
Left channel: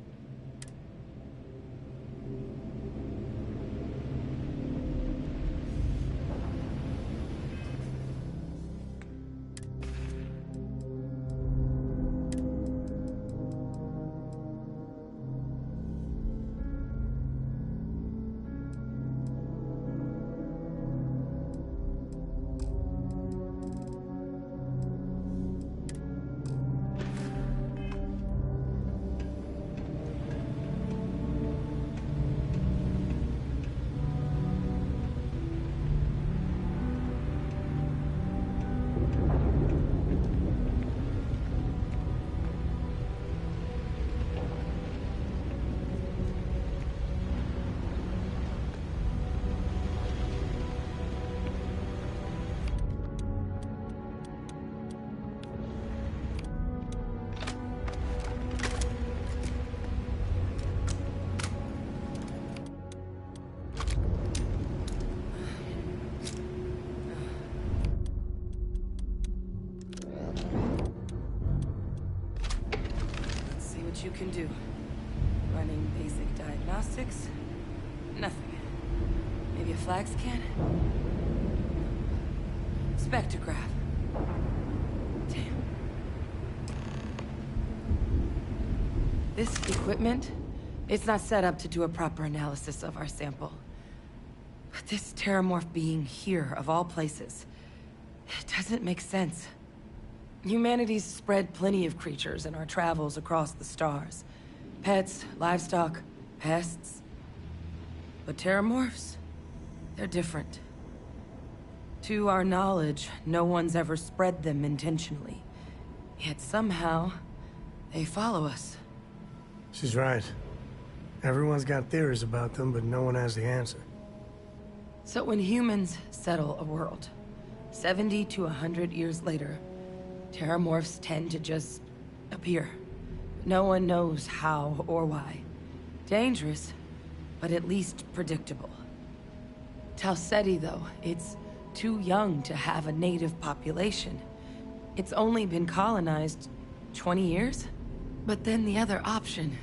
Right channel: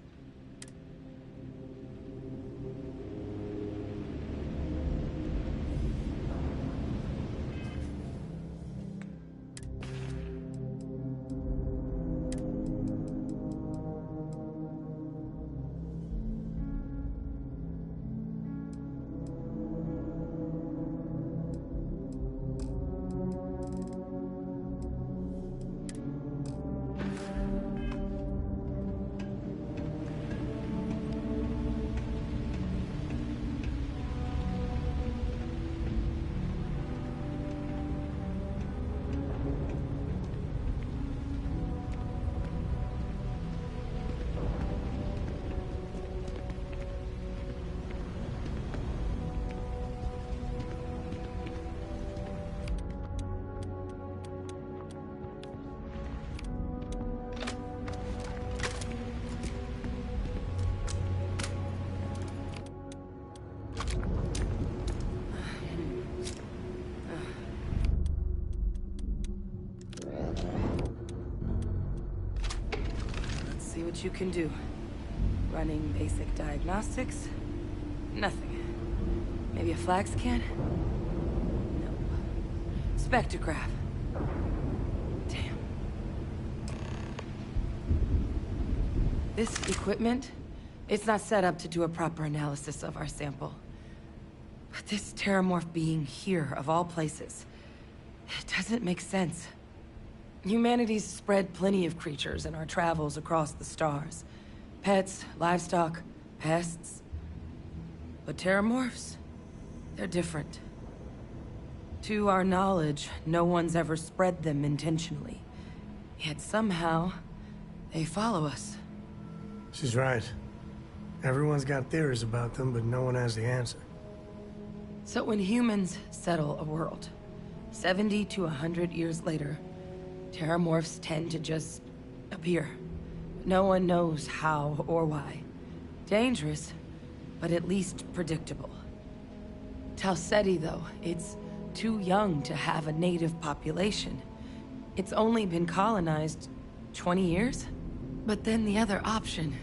What you can do. Running basic diagnostics? Nothing. Maybe a flax can? No. Spectrograph. Damn. This equipment, it's not set up to do a proper analysis of our sample. But this terramorph being here, of all places, it doesn't make sense. Humanity's spread plenty of creatures in our travels across the stars. Pets, livestock, pests. But terramorphs? They're different. To our knowledge, no one's ever spread them intentionally. Yet somehow, they follow us. She's right. Everyone's got theories about them, but no one has the answer. So when humans settle a world, 70 to 100 years later, terramorphs tend to just appear. No one knows how or why. Dangerous, but at least predictable. Talseti, though, it's too young to have a native population. It's only been colonized 20 years? But then the other option,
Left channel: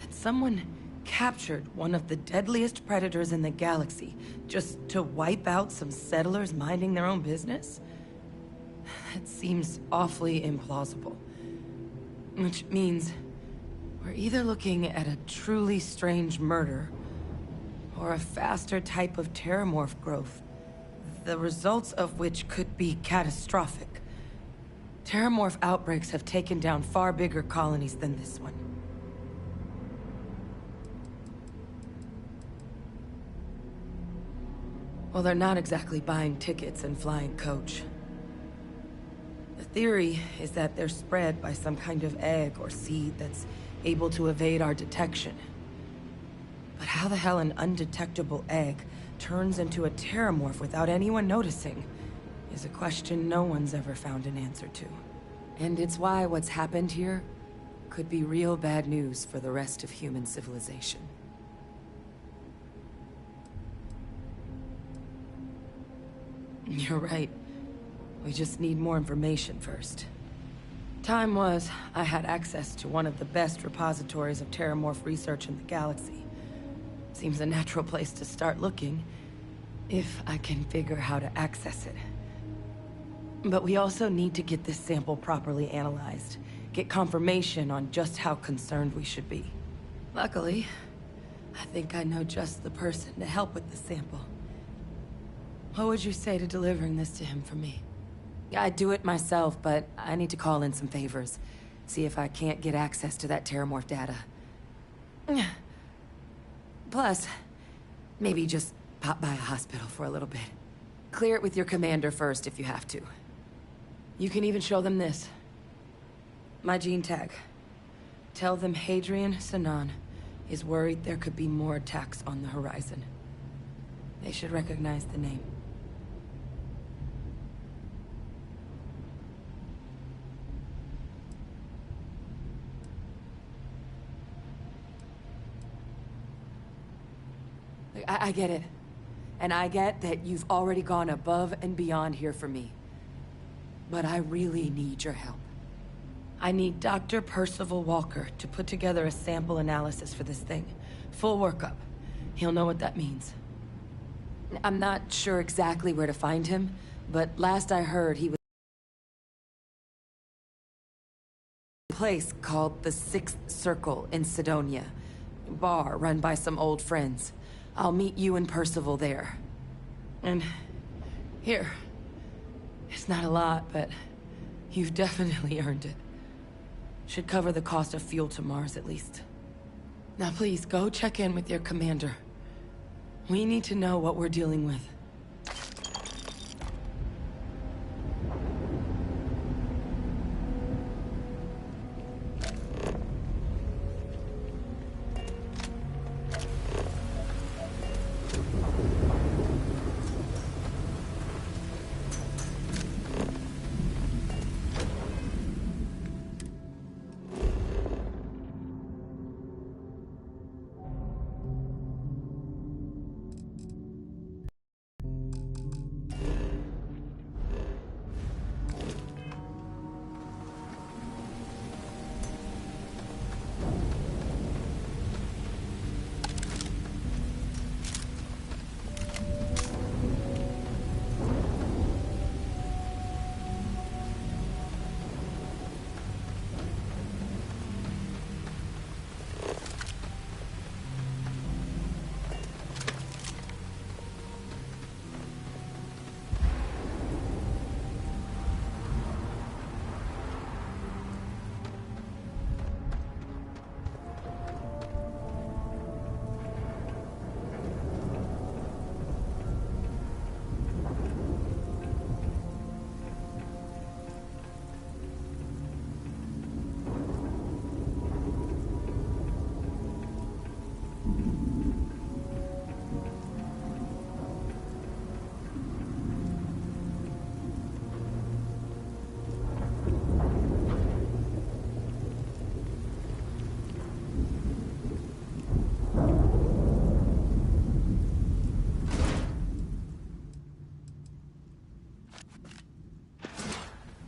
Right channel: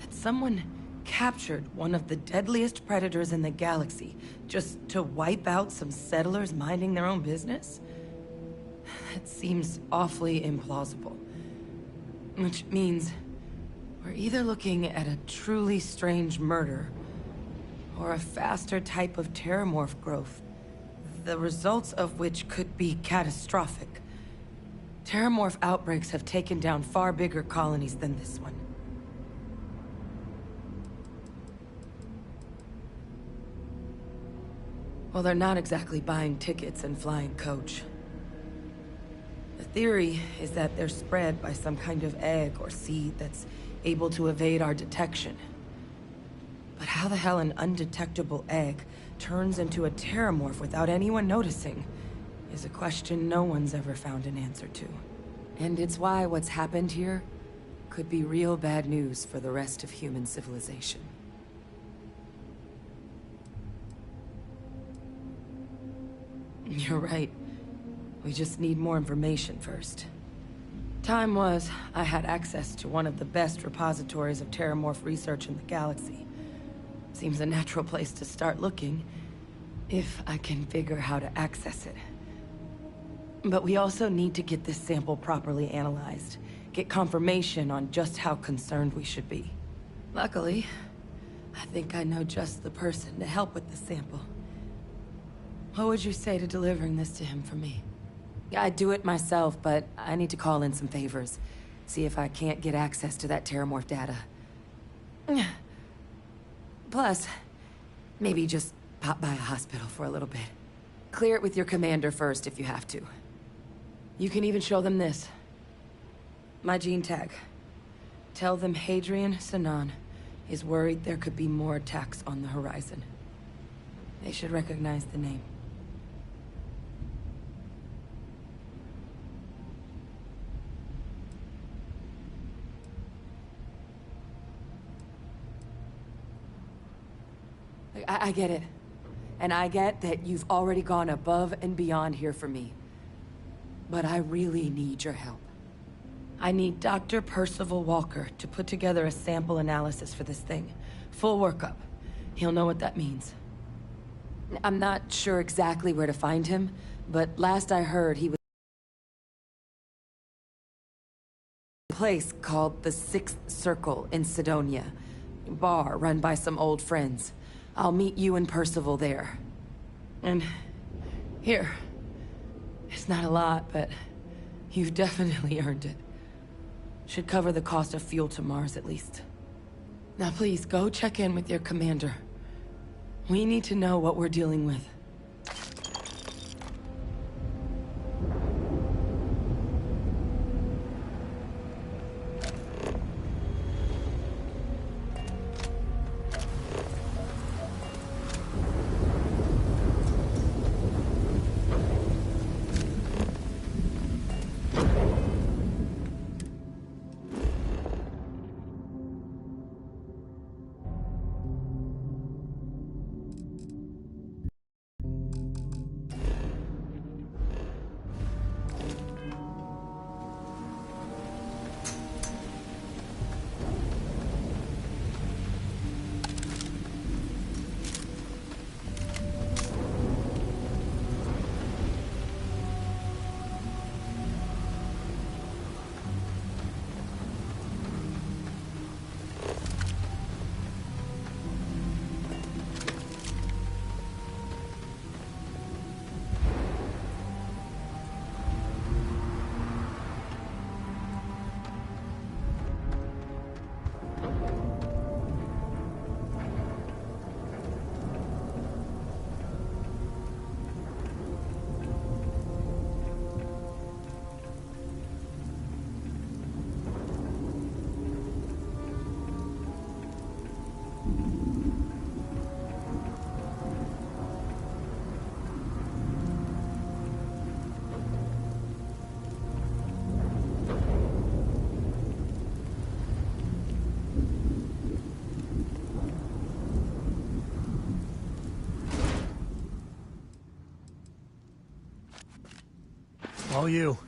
that someone captured one of the deadliest predators in the galaxy just to wipe out some settlers minding their own business? That seems awfully implausible. Which means we're either looking at a truly strange murder or a faster type of terramorph growth, the results of which could be catastrophic. Terramorph outbreaks have taken down far bigger colonies than this one. Well, they're not exactly buying tickets and flying coach. The theory is that they're spread by some kind of egg or seed that's able to evade our detection. But how the hell an undetectable egg turns into a terramorph without anyone noticing is a question no one's ever found an answer to. And it's why what's happened here could be real bad news for the rest of human civilization. You're right. We just need more information first. Time was, I had access to one of the best repositories of terramorph research in the galaxy. Seems a natural place to start looking, if I can figure how to access it. But we also need to get this sample properly analyzed, get confirmation on just how concerned we should be. Luckily, I think I know just the person to help with the sample. What would you say to delivering this to him for me? I'd do it myself, but I need to call in some favors. See if I can't get access to that terramorph data. Plus, maybe just pop by a hospital for a little bit. Clear it with your commander first if you have to. You can even show them this. My gene tag. Tell them Hadrian Sinan is worried there could be more attacks on the horizon. They should recognize the name. I get it. And I get that you've already gone above and beyond here for me. But I really need your help. I need Dr. Percival Walker to put together a sample analysis for this thing. Full workup. He'll know what that means. I'm not sure exactly where to find him, but last I heard he was a place called the Sixth Circle in Sidonia. A bar run by some old friends. I'll meet you and Percival there. And here. It's not a lot, but you've definitely earned it. Should cover the cost of fuel to Mars at least. Now please, go check in with your commander. We need to know what we're dealing with. All you.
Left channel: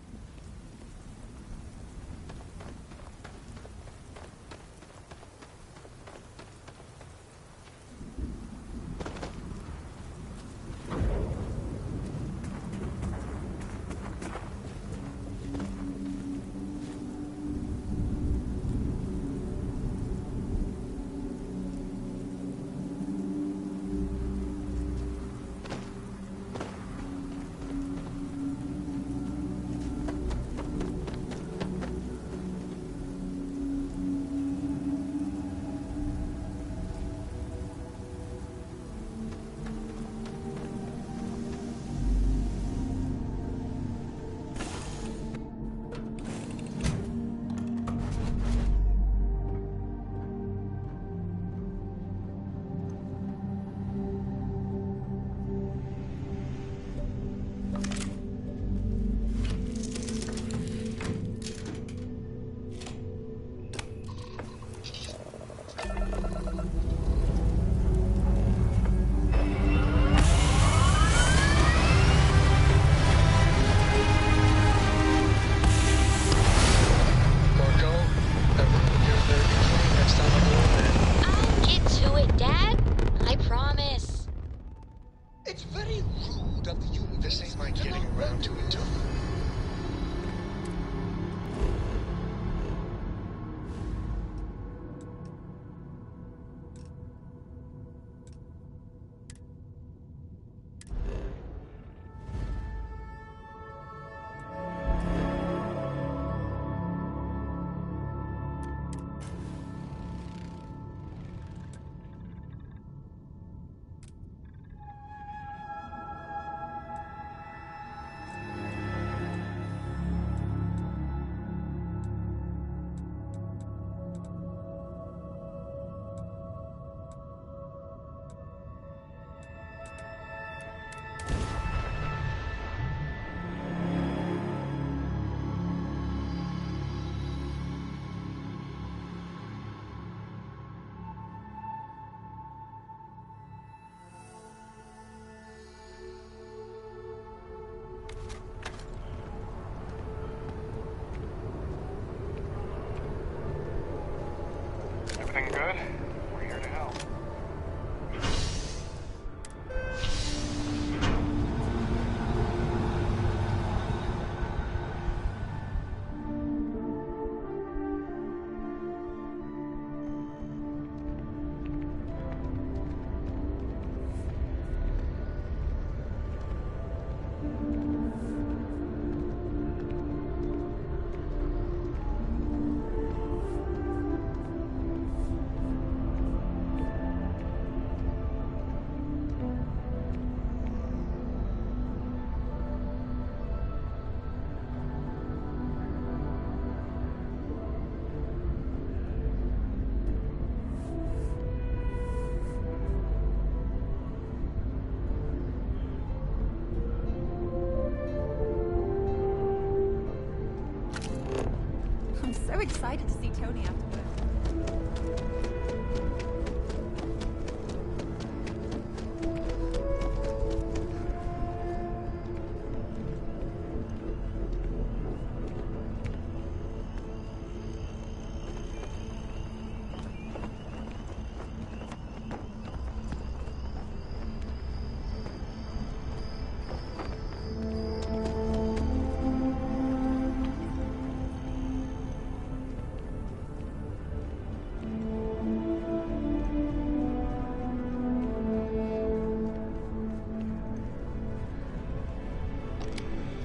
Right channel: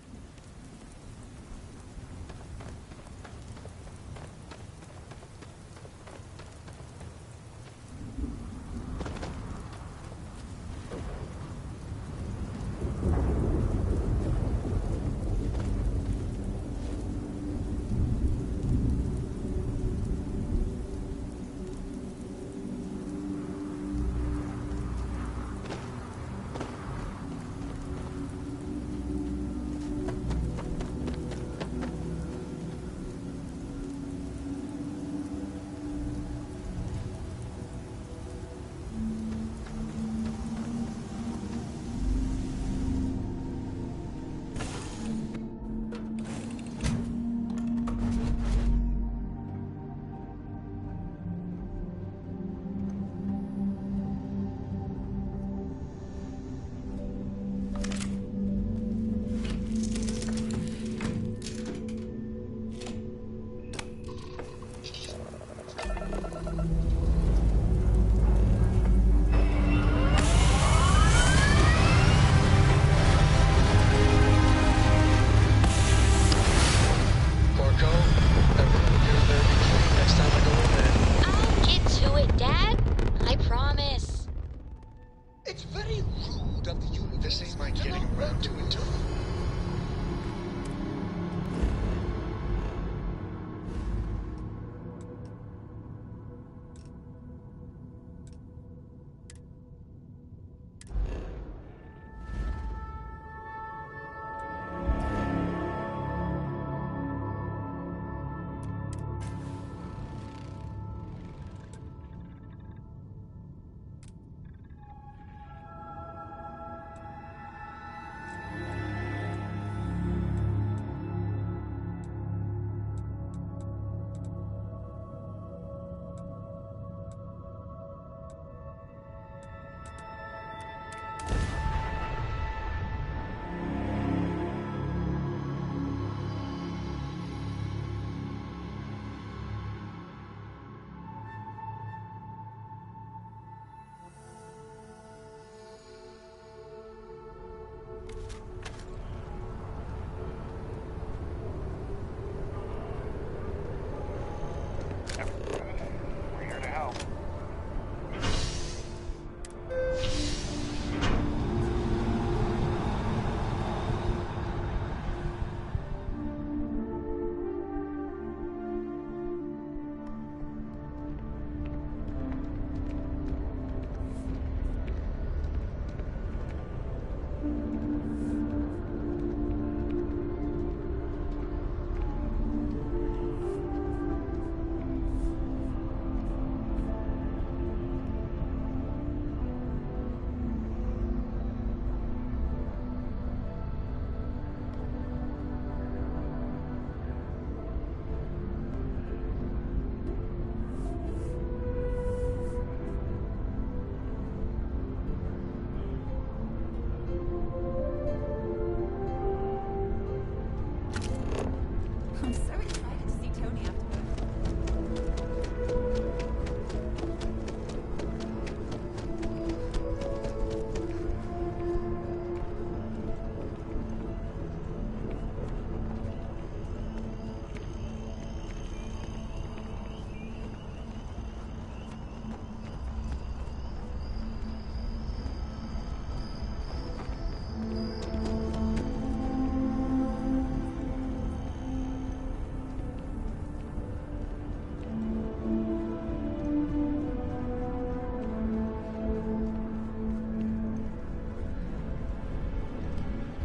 I'm so excited to see Tony afterwards.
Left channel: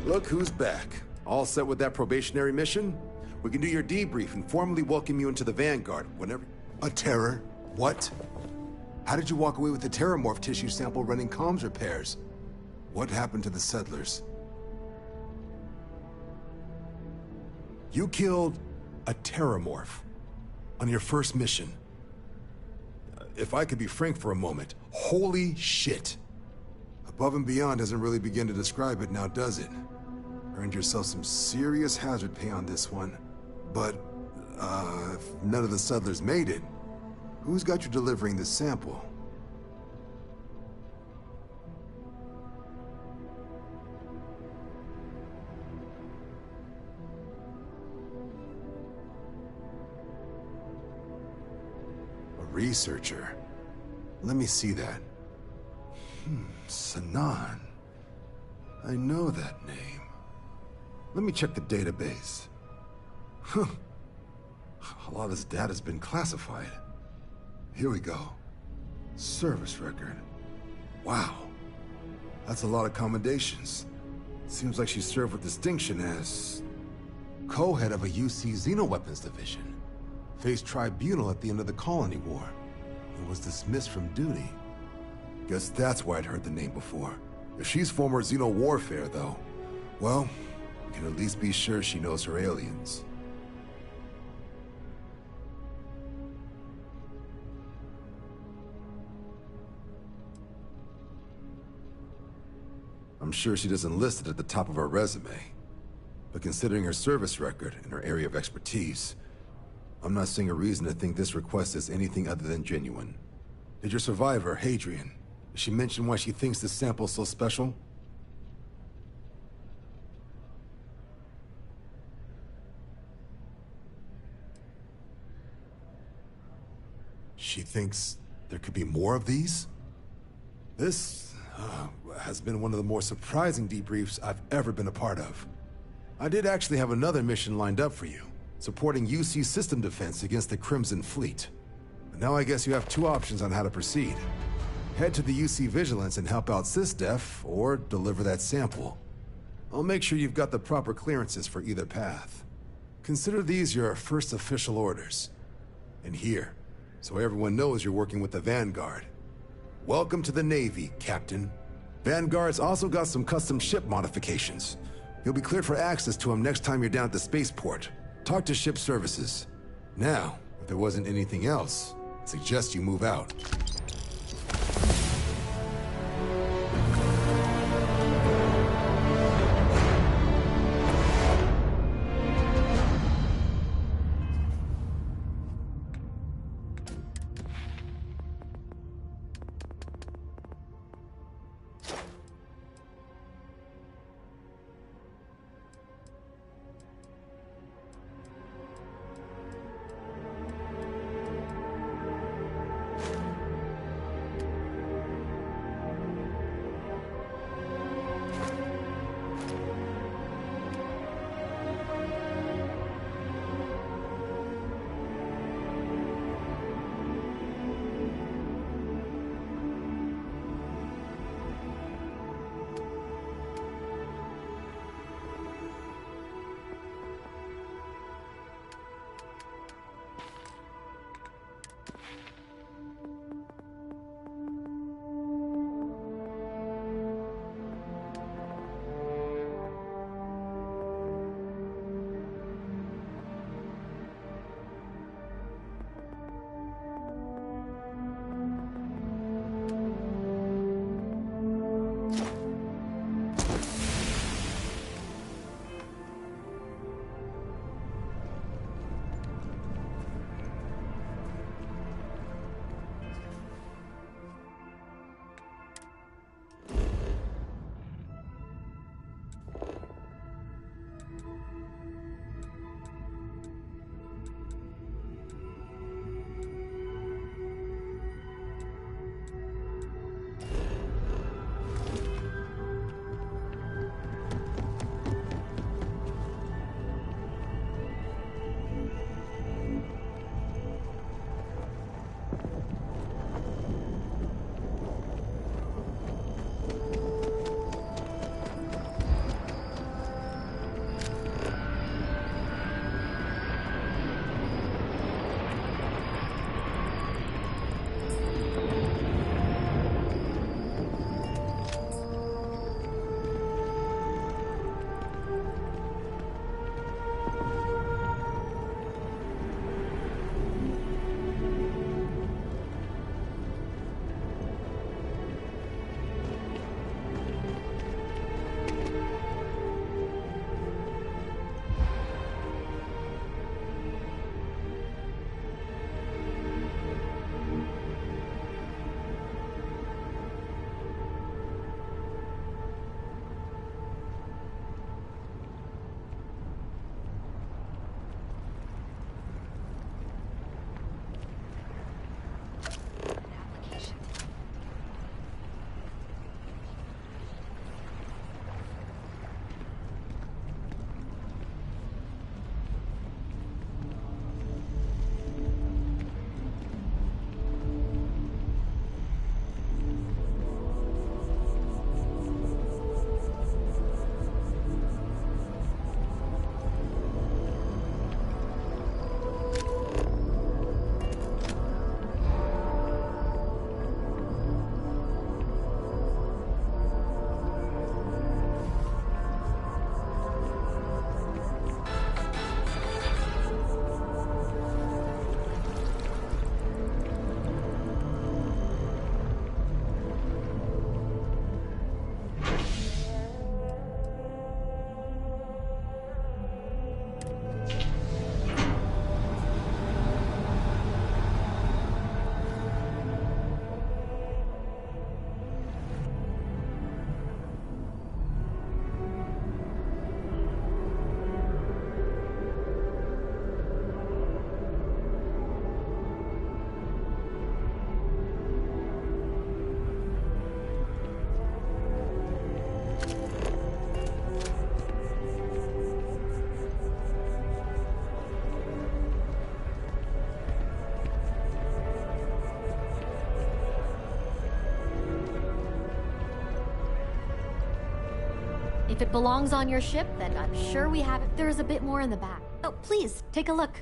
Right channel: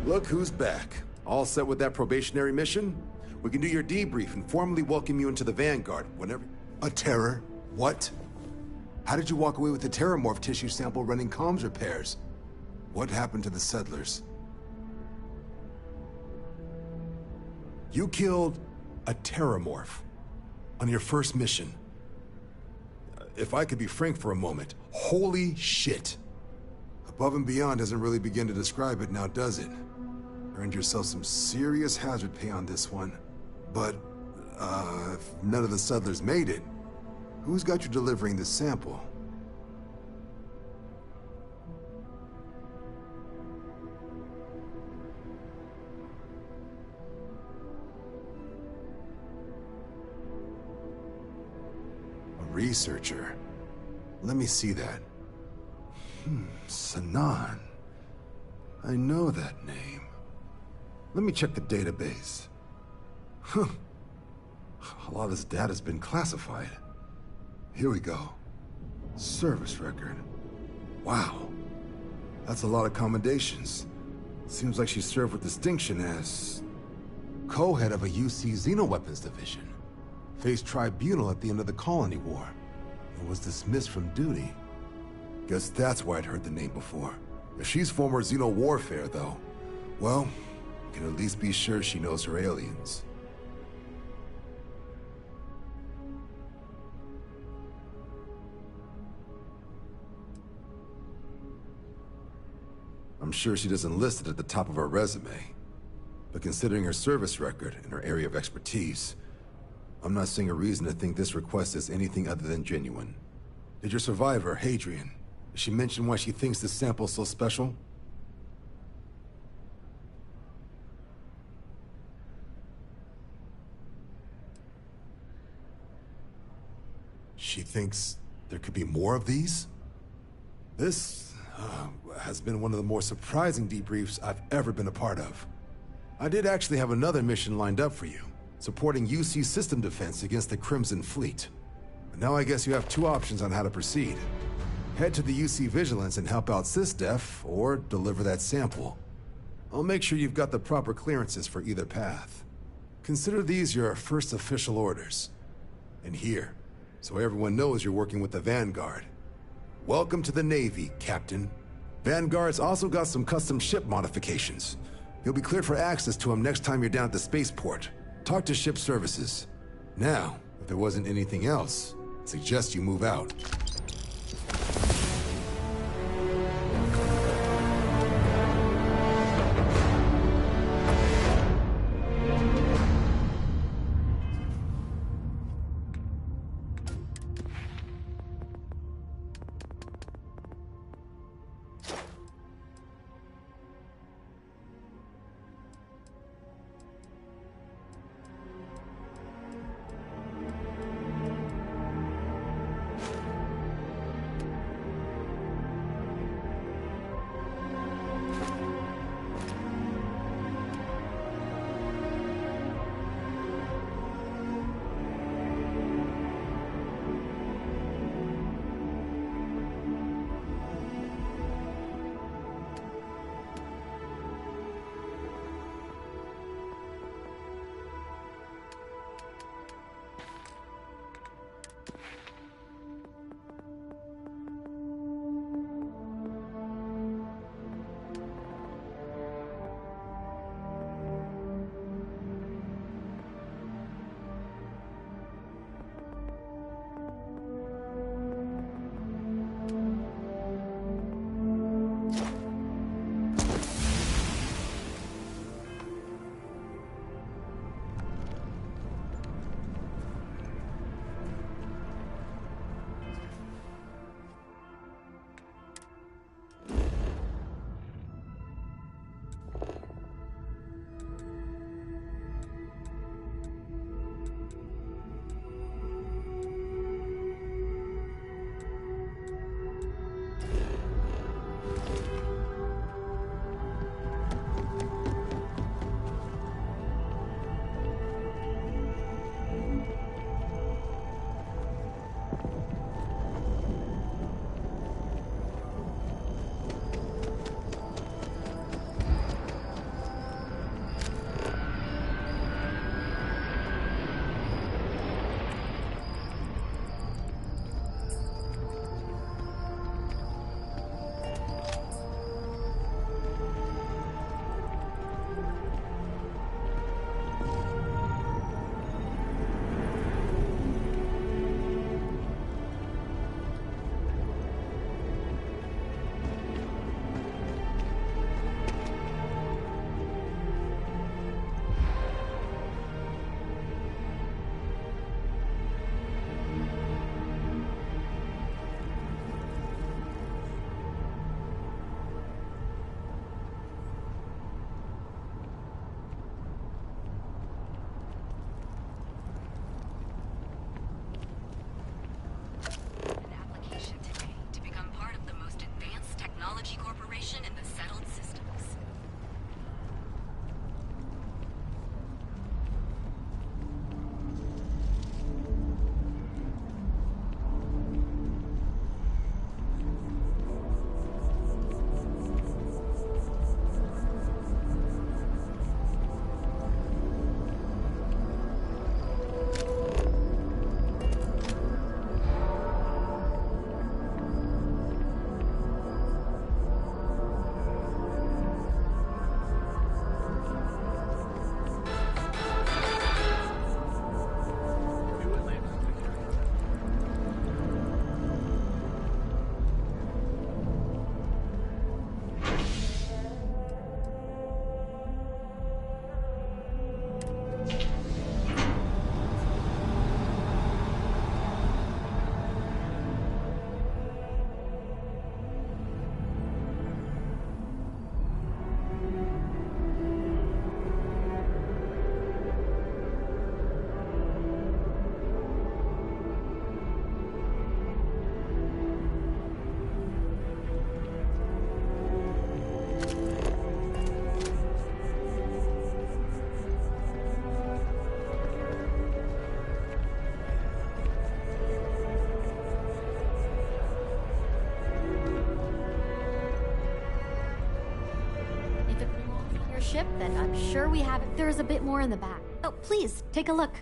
Look who's back. All set with that probationary mission? We can do your debrief and formally welcome you into the Vanguard whenever... A terror? What? How did you walk away with the terramorph tissue sample running comms repairs? What happened to the settlers? You killed a terramorph on your first mission. If I could be frank for a moment, holy shit. Above and beyond doesn't really begin to describe it now, does it? Earned yourself some serious hazard pay on this one. But, if none of the settlers made it, who's got you delivering the sample? A researcher. Let me see that. Sanan. I know that name. Let me check the database. Huh. A lot of this data's been classified. Here we go. Service record. Wow. That's a lot of commendations. Seems like she served with distinction as co-head of a UC Xenoweapons division. Faced tribunal at the end of the Colony War. And was dismissed from duty. Guess that's why I'd heard the name before. If she's former Xeno warfare, though, well, we can at least be sure she knows her aliens. I'm sure she doesn't list it at the top of her resume. But considering her service record and her area of expertise, I'm not seeing a reason to think this request is anything other than genuine. Did your survivor, Hadrian, did she mention why she thinks this sample's so special? She thinks there could be more of these? This has been one of the more surprising debriefs I've ever been a part of. I did actually have another mission lined up for you, supporting UC system defense against the Crimson Fleet. But now I guess you have two options on how to proceed. Head to the UC Vigilance and help out SysDef, or deliver that sample. I'll make sure you've got the proper clearances for either path. Consider these your first official orders. And here, so everyone knows you're working with the Vanguard. Welcome to the Navy, Captain. Vanguard's also got some custom ship modifications. You'll be cleared for access to them next time you're down at the spaceport. Talk to ship services. Now, if there wasn't anything else, I suggest you move out. it belongs on your ship, then I'm sure we have it. There's a bit more in the back. Oh, please, take a look.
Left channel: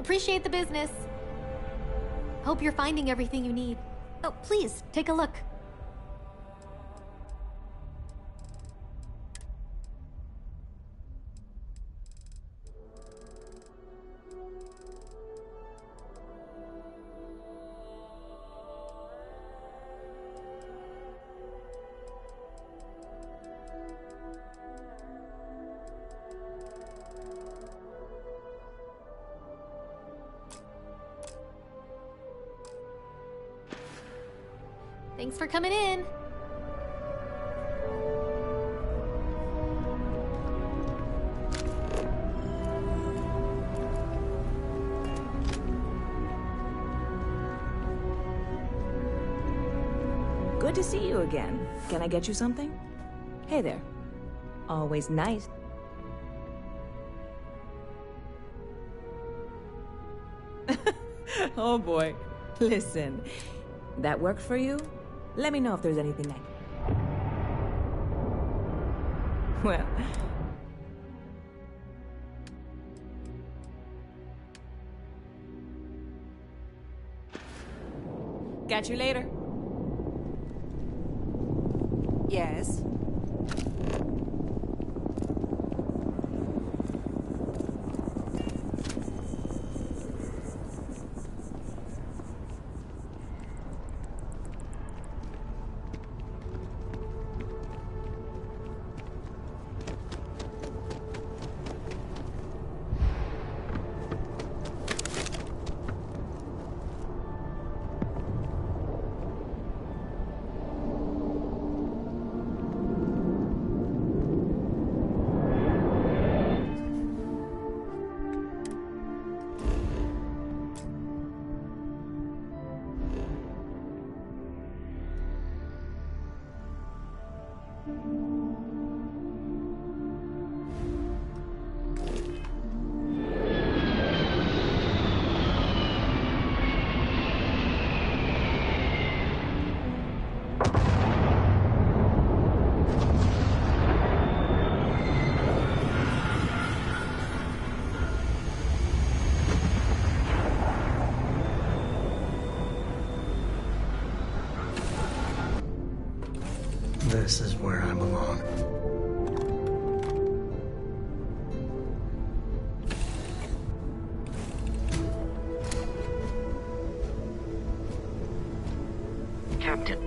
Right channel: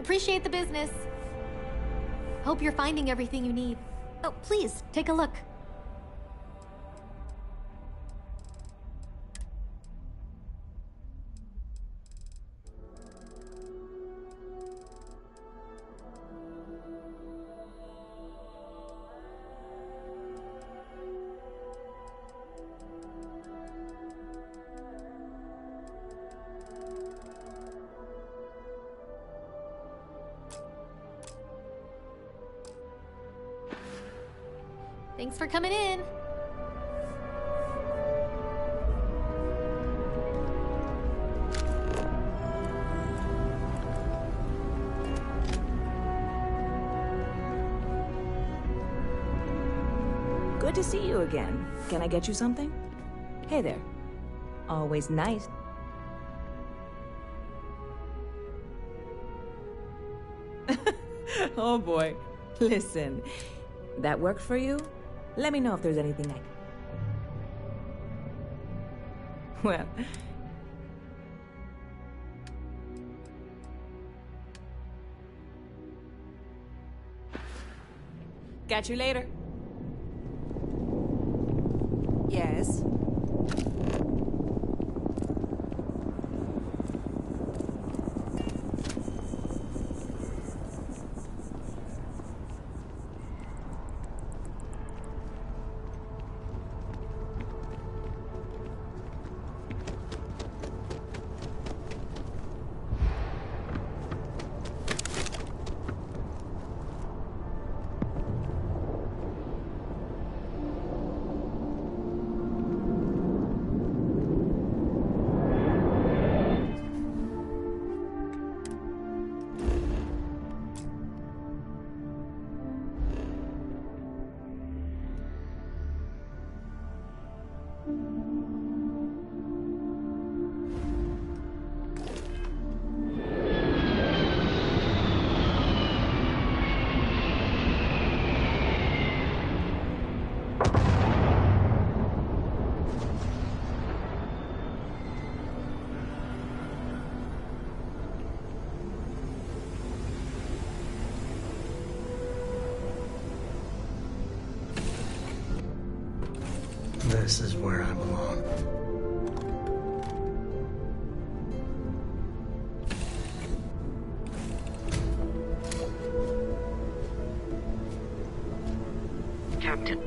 Appreciate the business. Hope you're finding everything you need. Oh, please, take a look. Thanks for coming in. Good to see you again. Can I get you something? Hey there. Always nice. Oh boy. Listen, that worked for you? Let me know if there's anything I can... Well... Catch you later. Yes? This is where I belong. Captain.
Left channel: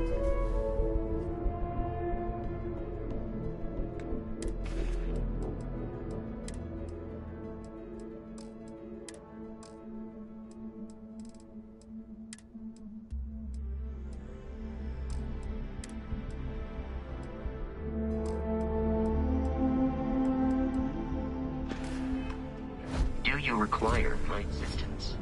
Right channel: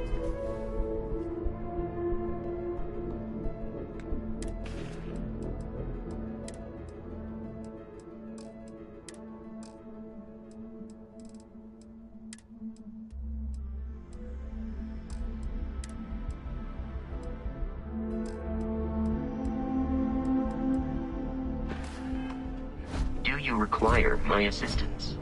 Do you require my assistance?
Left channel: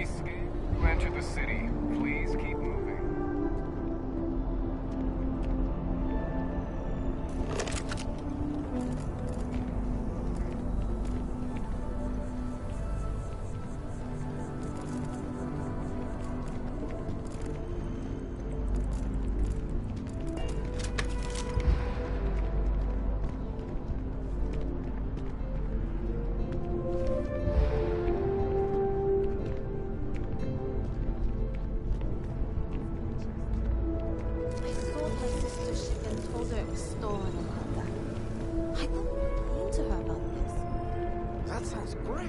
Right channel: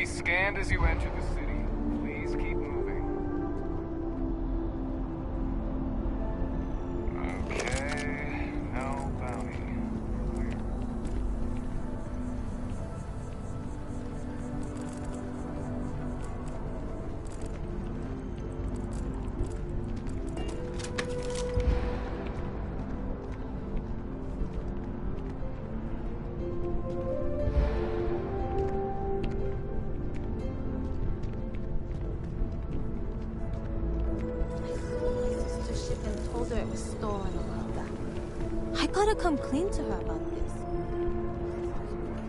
be scanned as you enter the city. Please keep moving. Okay, no bounty. It was stolen a while back. I gotta come clean to her about this. That sounds great.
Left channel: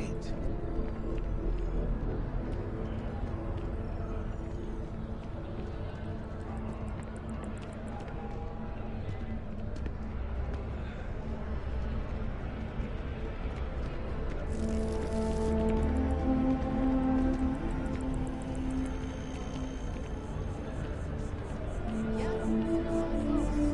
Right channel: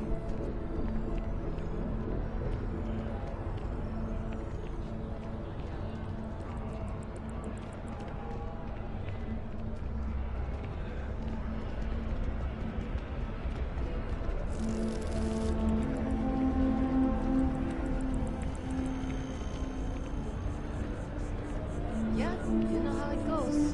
Yeah, you know how it goes.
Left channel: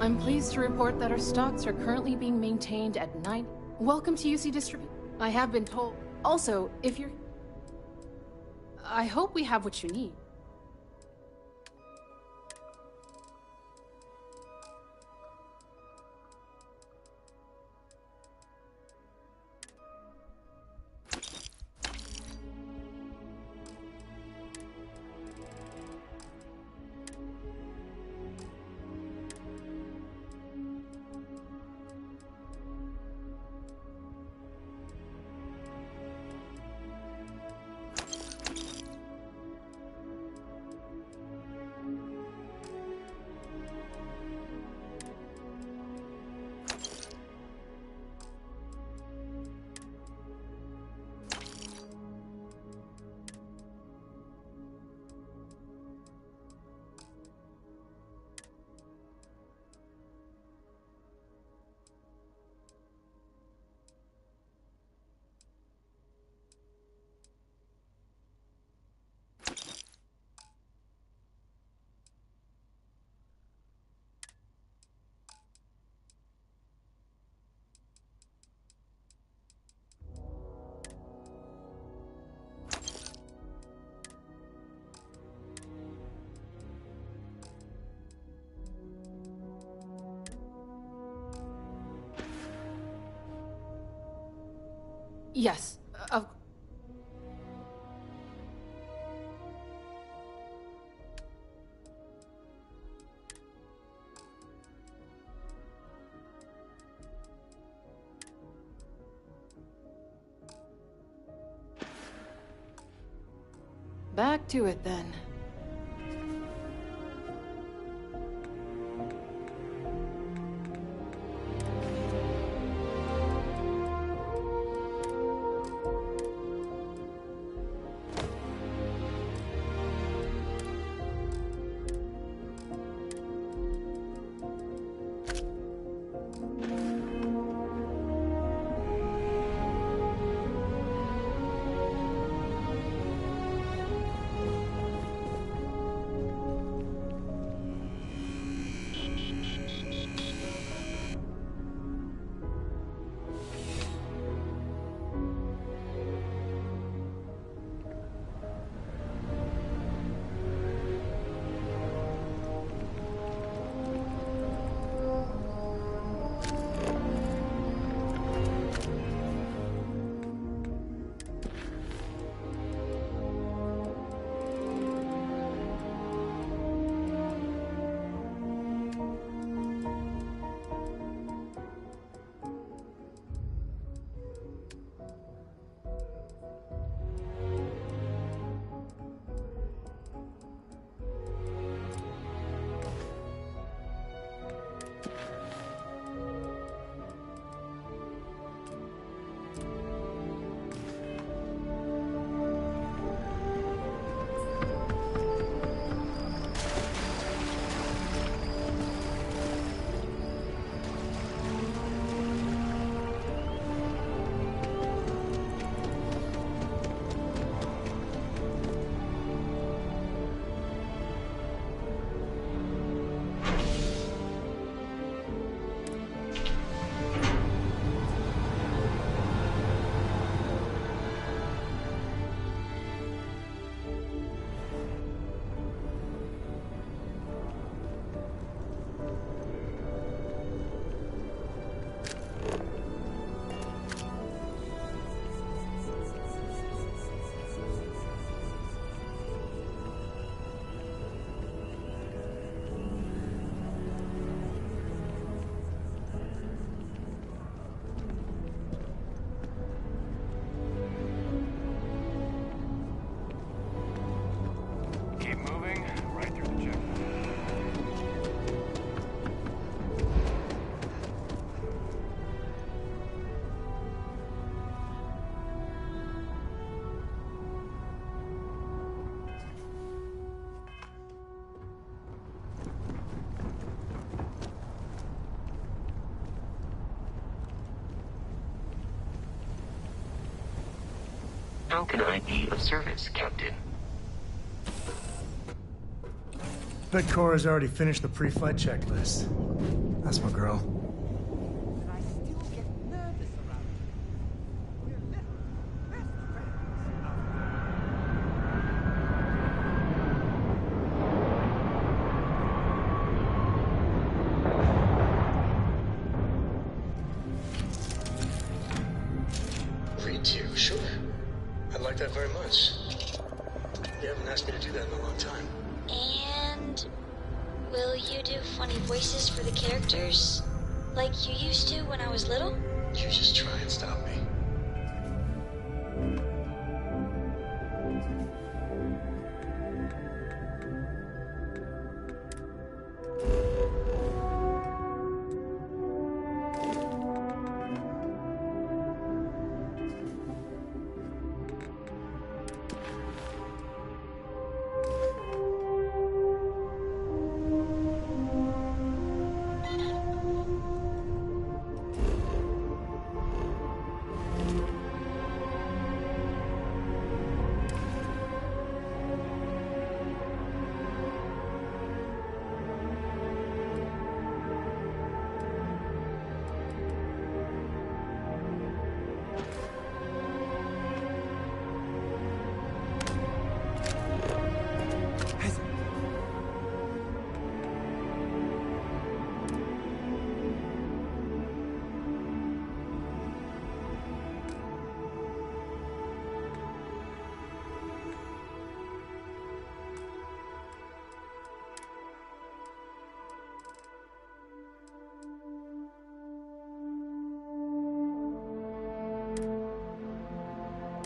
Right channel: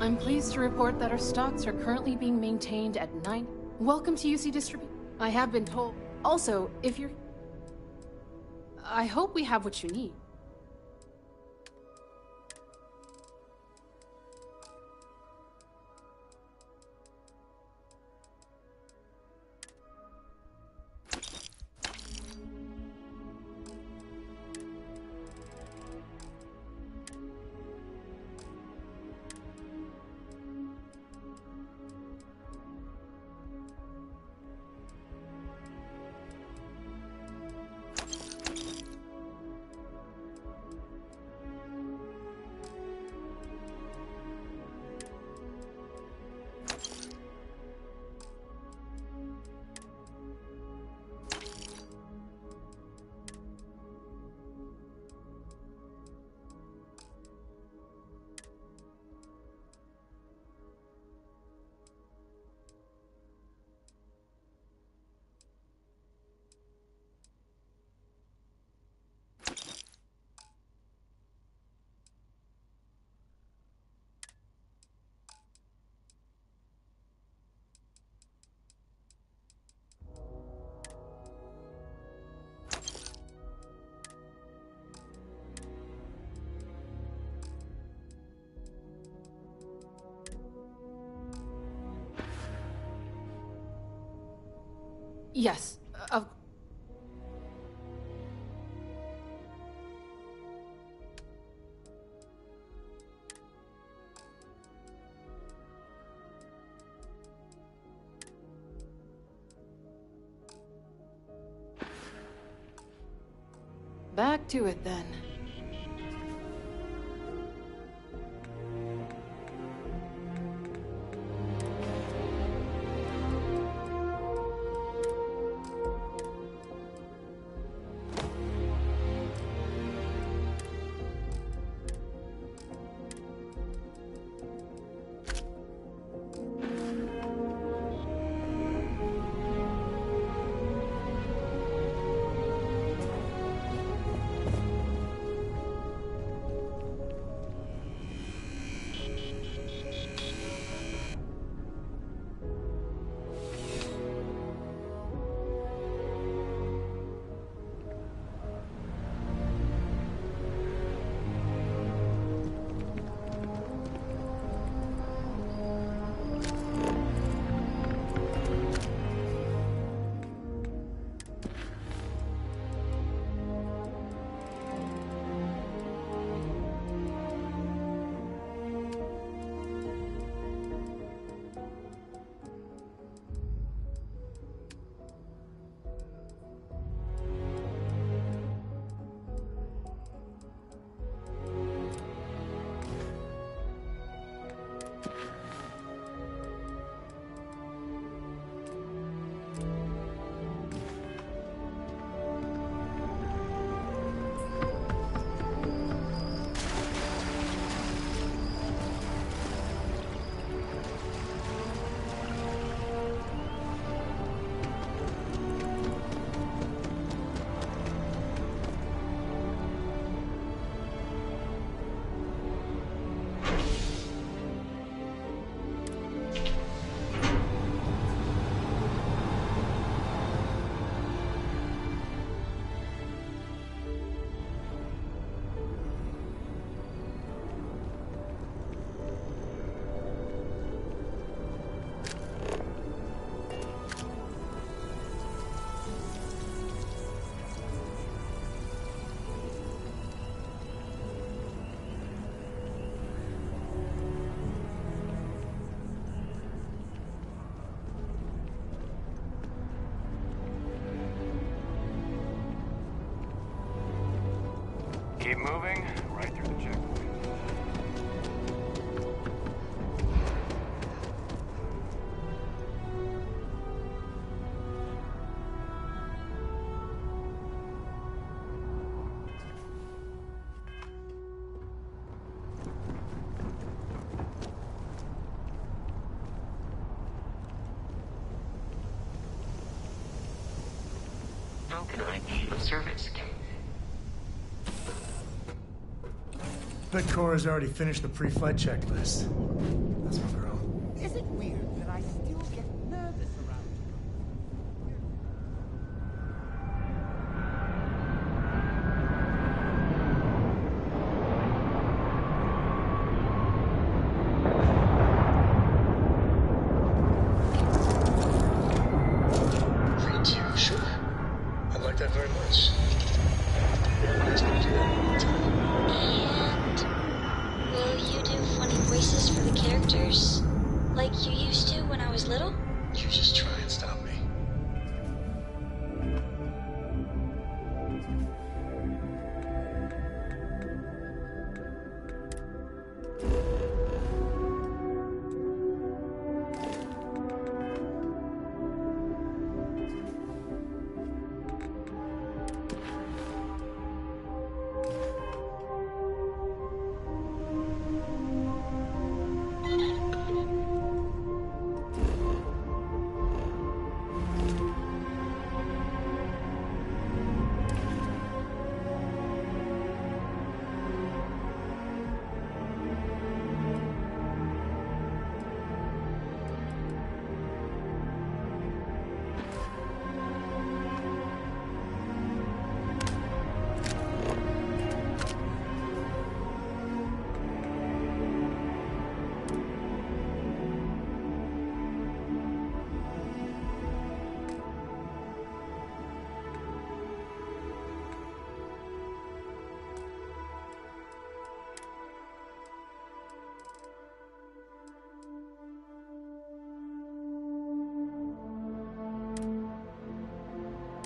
I'm pleased to report that our stocks are currently being maintained at 9. Welcome to UC Distribute. I have been told. Also, if you're... I hope we have what you need. Yes, back to it then. keep moving right through the checkpoint. How can I be of service, Captain? Bet Cora's already finished the pre-flight checklist. That's my girl. Is it weird that I still get nervous around Free too, sure. I'd like that very much. You haven't asked me to do that in a long time. And will you do funny voices for the characters? Like you used to when I was little? You just try and stop me.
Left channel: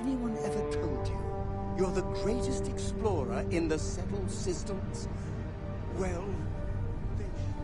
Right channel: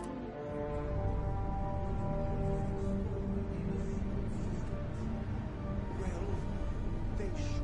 Anyone ever told you you're the greatest explorer in the settled systems? Well, they should.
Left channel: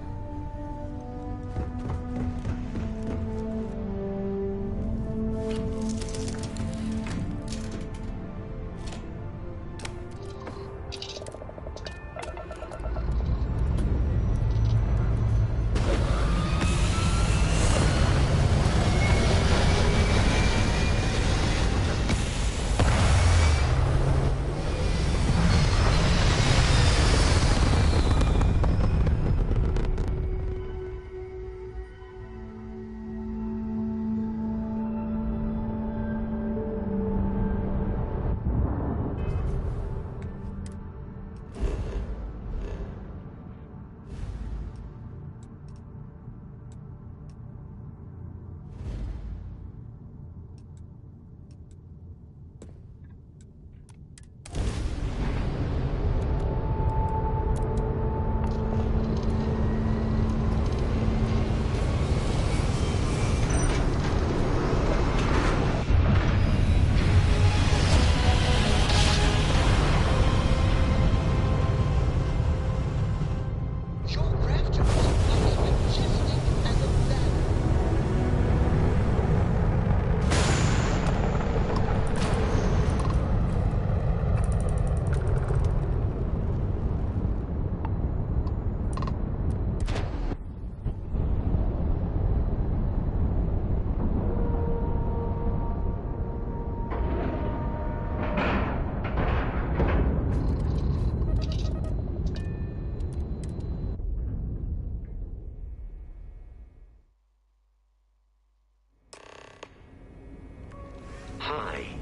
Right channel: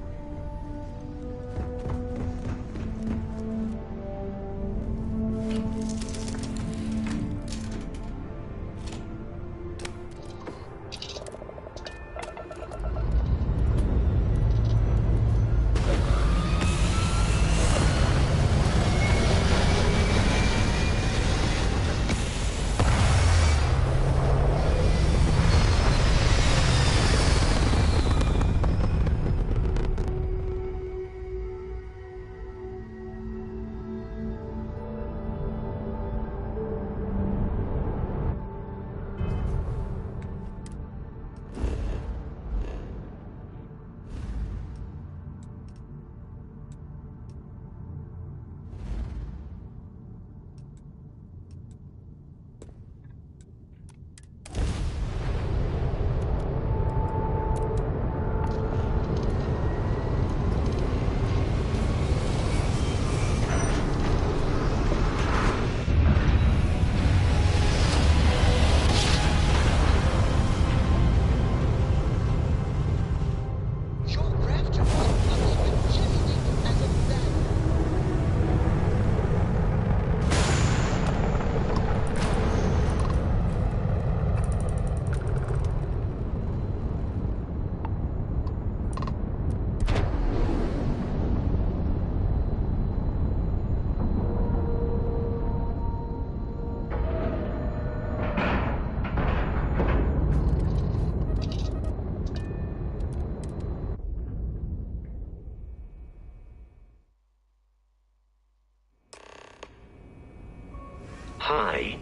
Hi.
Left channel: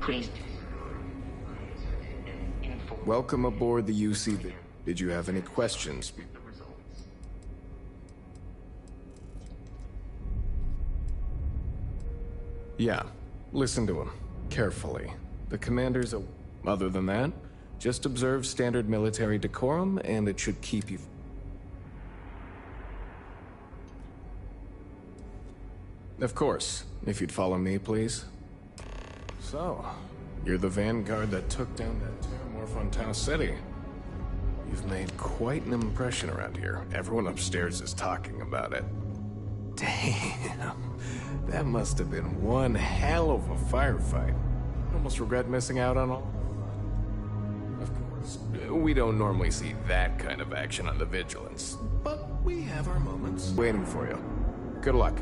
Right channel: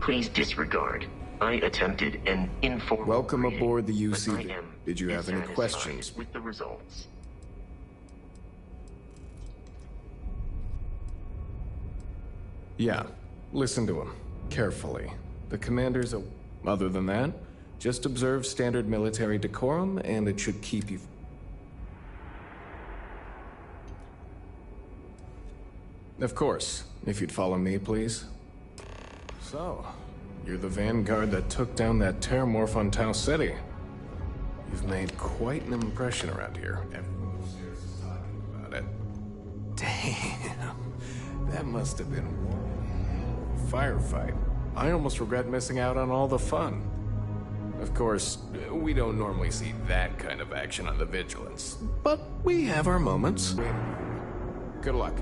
Please disregard. I attempted an informal... Welcome aboard the UC. Did you have any questions? With the results. Yeah. Listen to him. Carefully. The commander's a... Other than that, just observe standard military decorum, and it should keep you... Of course. If you'd follow me, please. So, You're the vanguard that took down that terramorph on Tau City. You've made quite an impression around here. Everyone upstairs is talking about it. Damn. That must have been one hell of a firefight. I almost regret missing out on all the fun. Of course, we don't normally see that kind of action on the Vigilance, but we have our moments waiting for you. Good luck.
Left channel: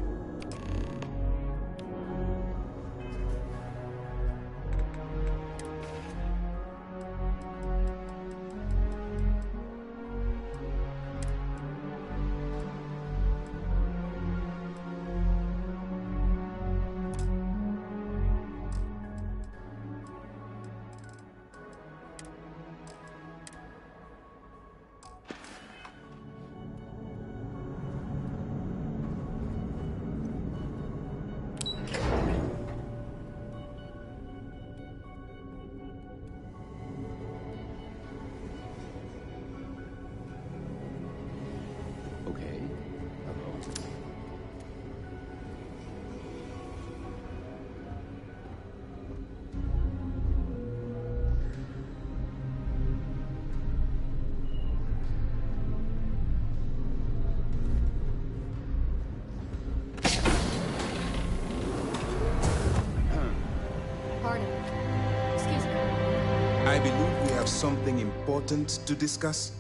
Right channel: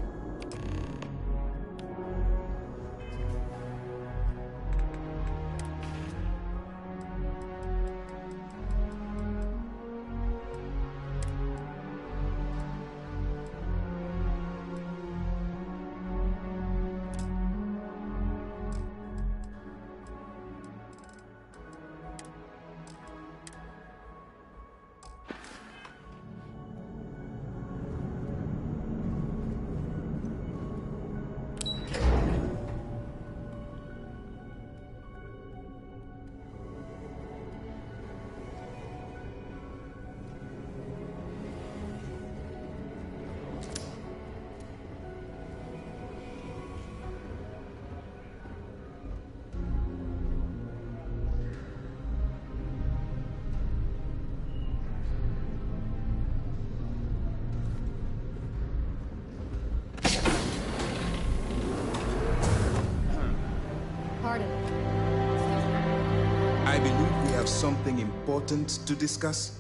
I believe we have something important to discuss.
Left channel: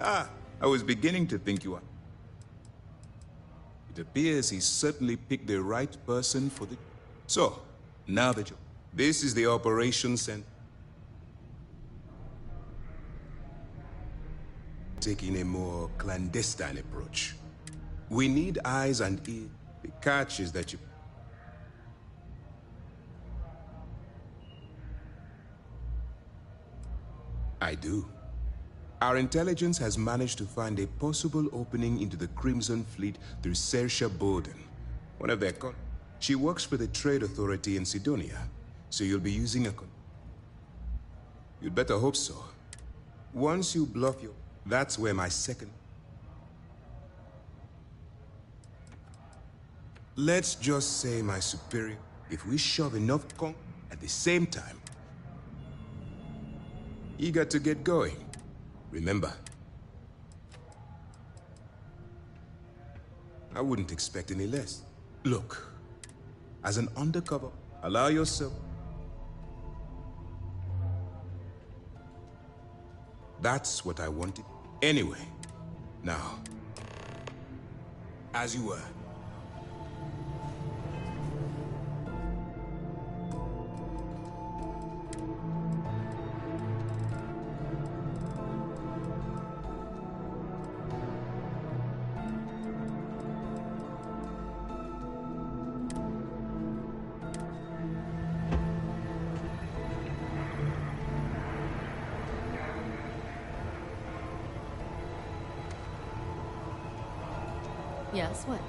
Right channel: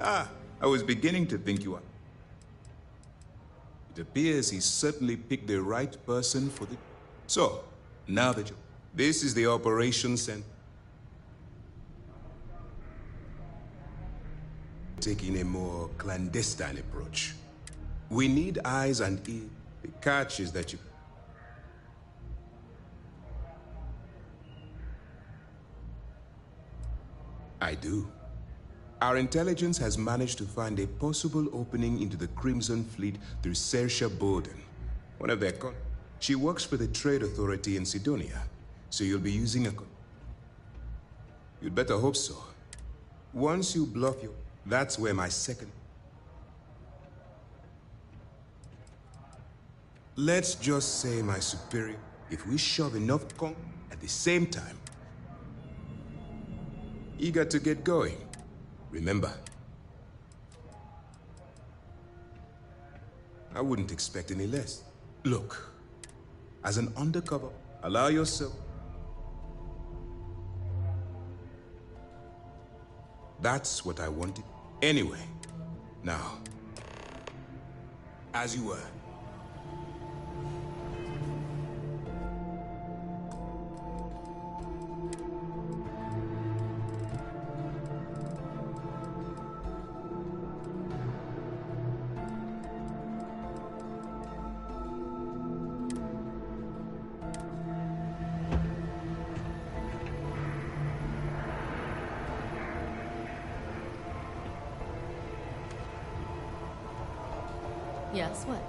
I was beginning to think you are. It appears he certainly picked the right person for the... So, now that you... This is the Operation Center. Taking a more clandestine approach. We need eyes and ears. The catch is that you... I do. Our intelligence has managed to find a possible opening into the Crimson Fleet through Saoirse Bowden, one of their She works for the Trade Authority in Sidonia, so you'll be using a You'd better hope so. Once you bluff your... That's where my second... Let's just say my superior... If we shove enough at the same time... Eager to get going. Remember, I wouldn't expect any less. Look, as an undercover, allow yourself... That's what I wanted. Anyway, now, as you were. Yes, what?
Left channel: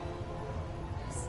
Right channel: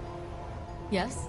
Yes?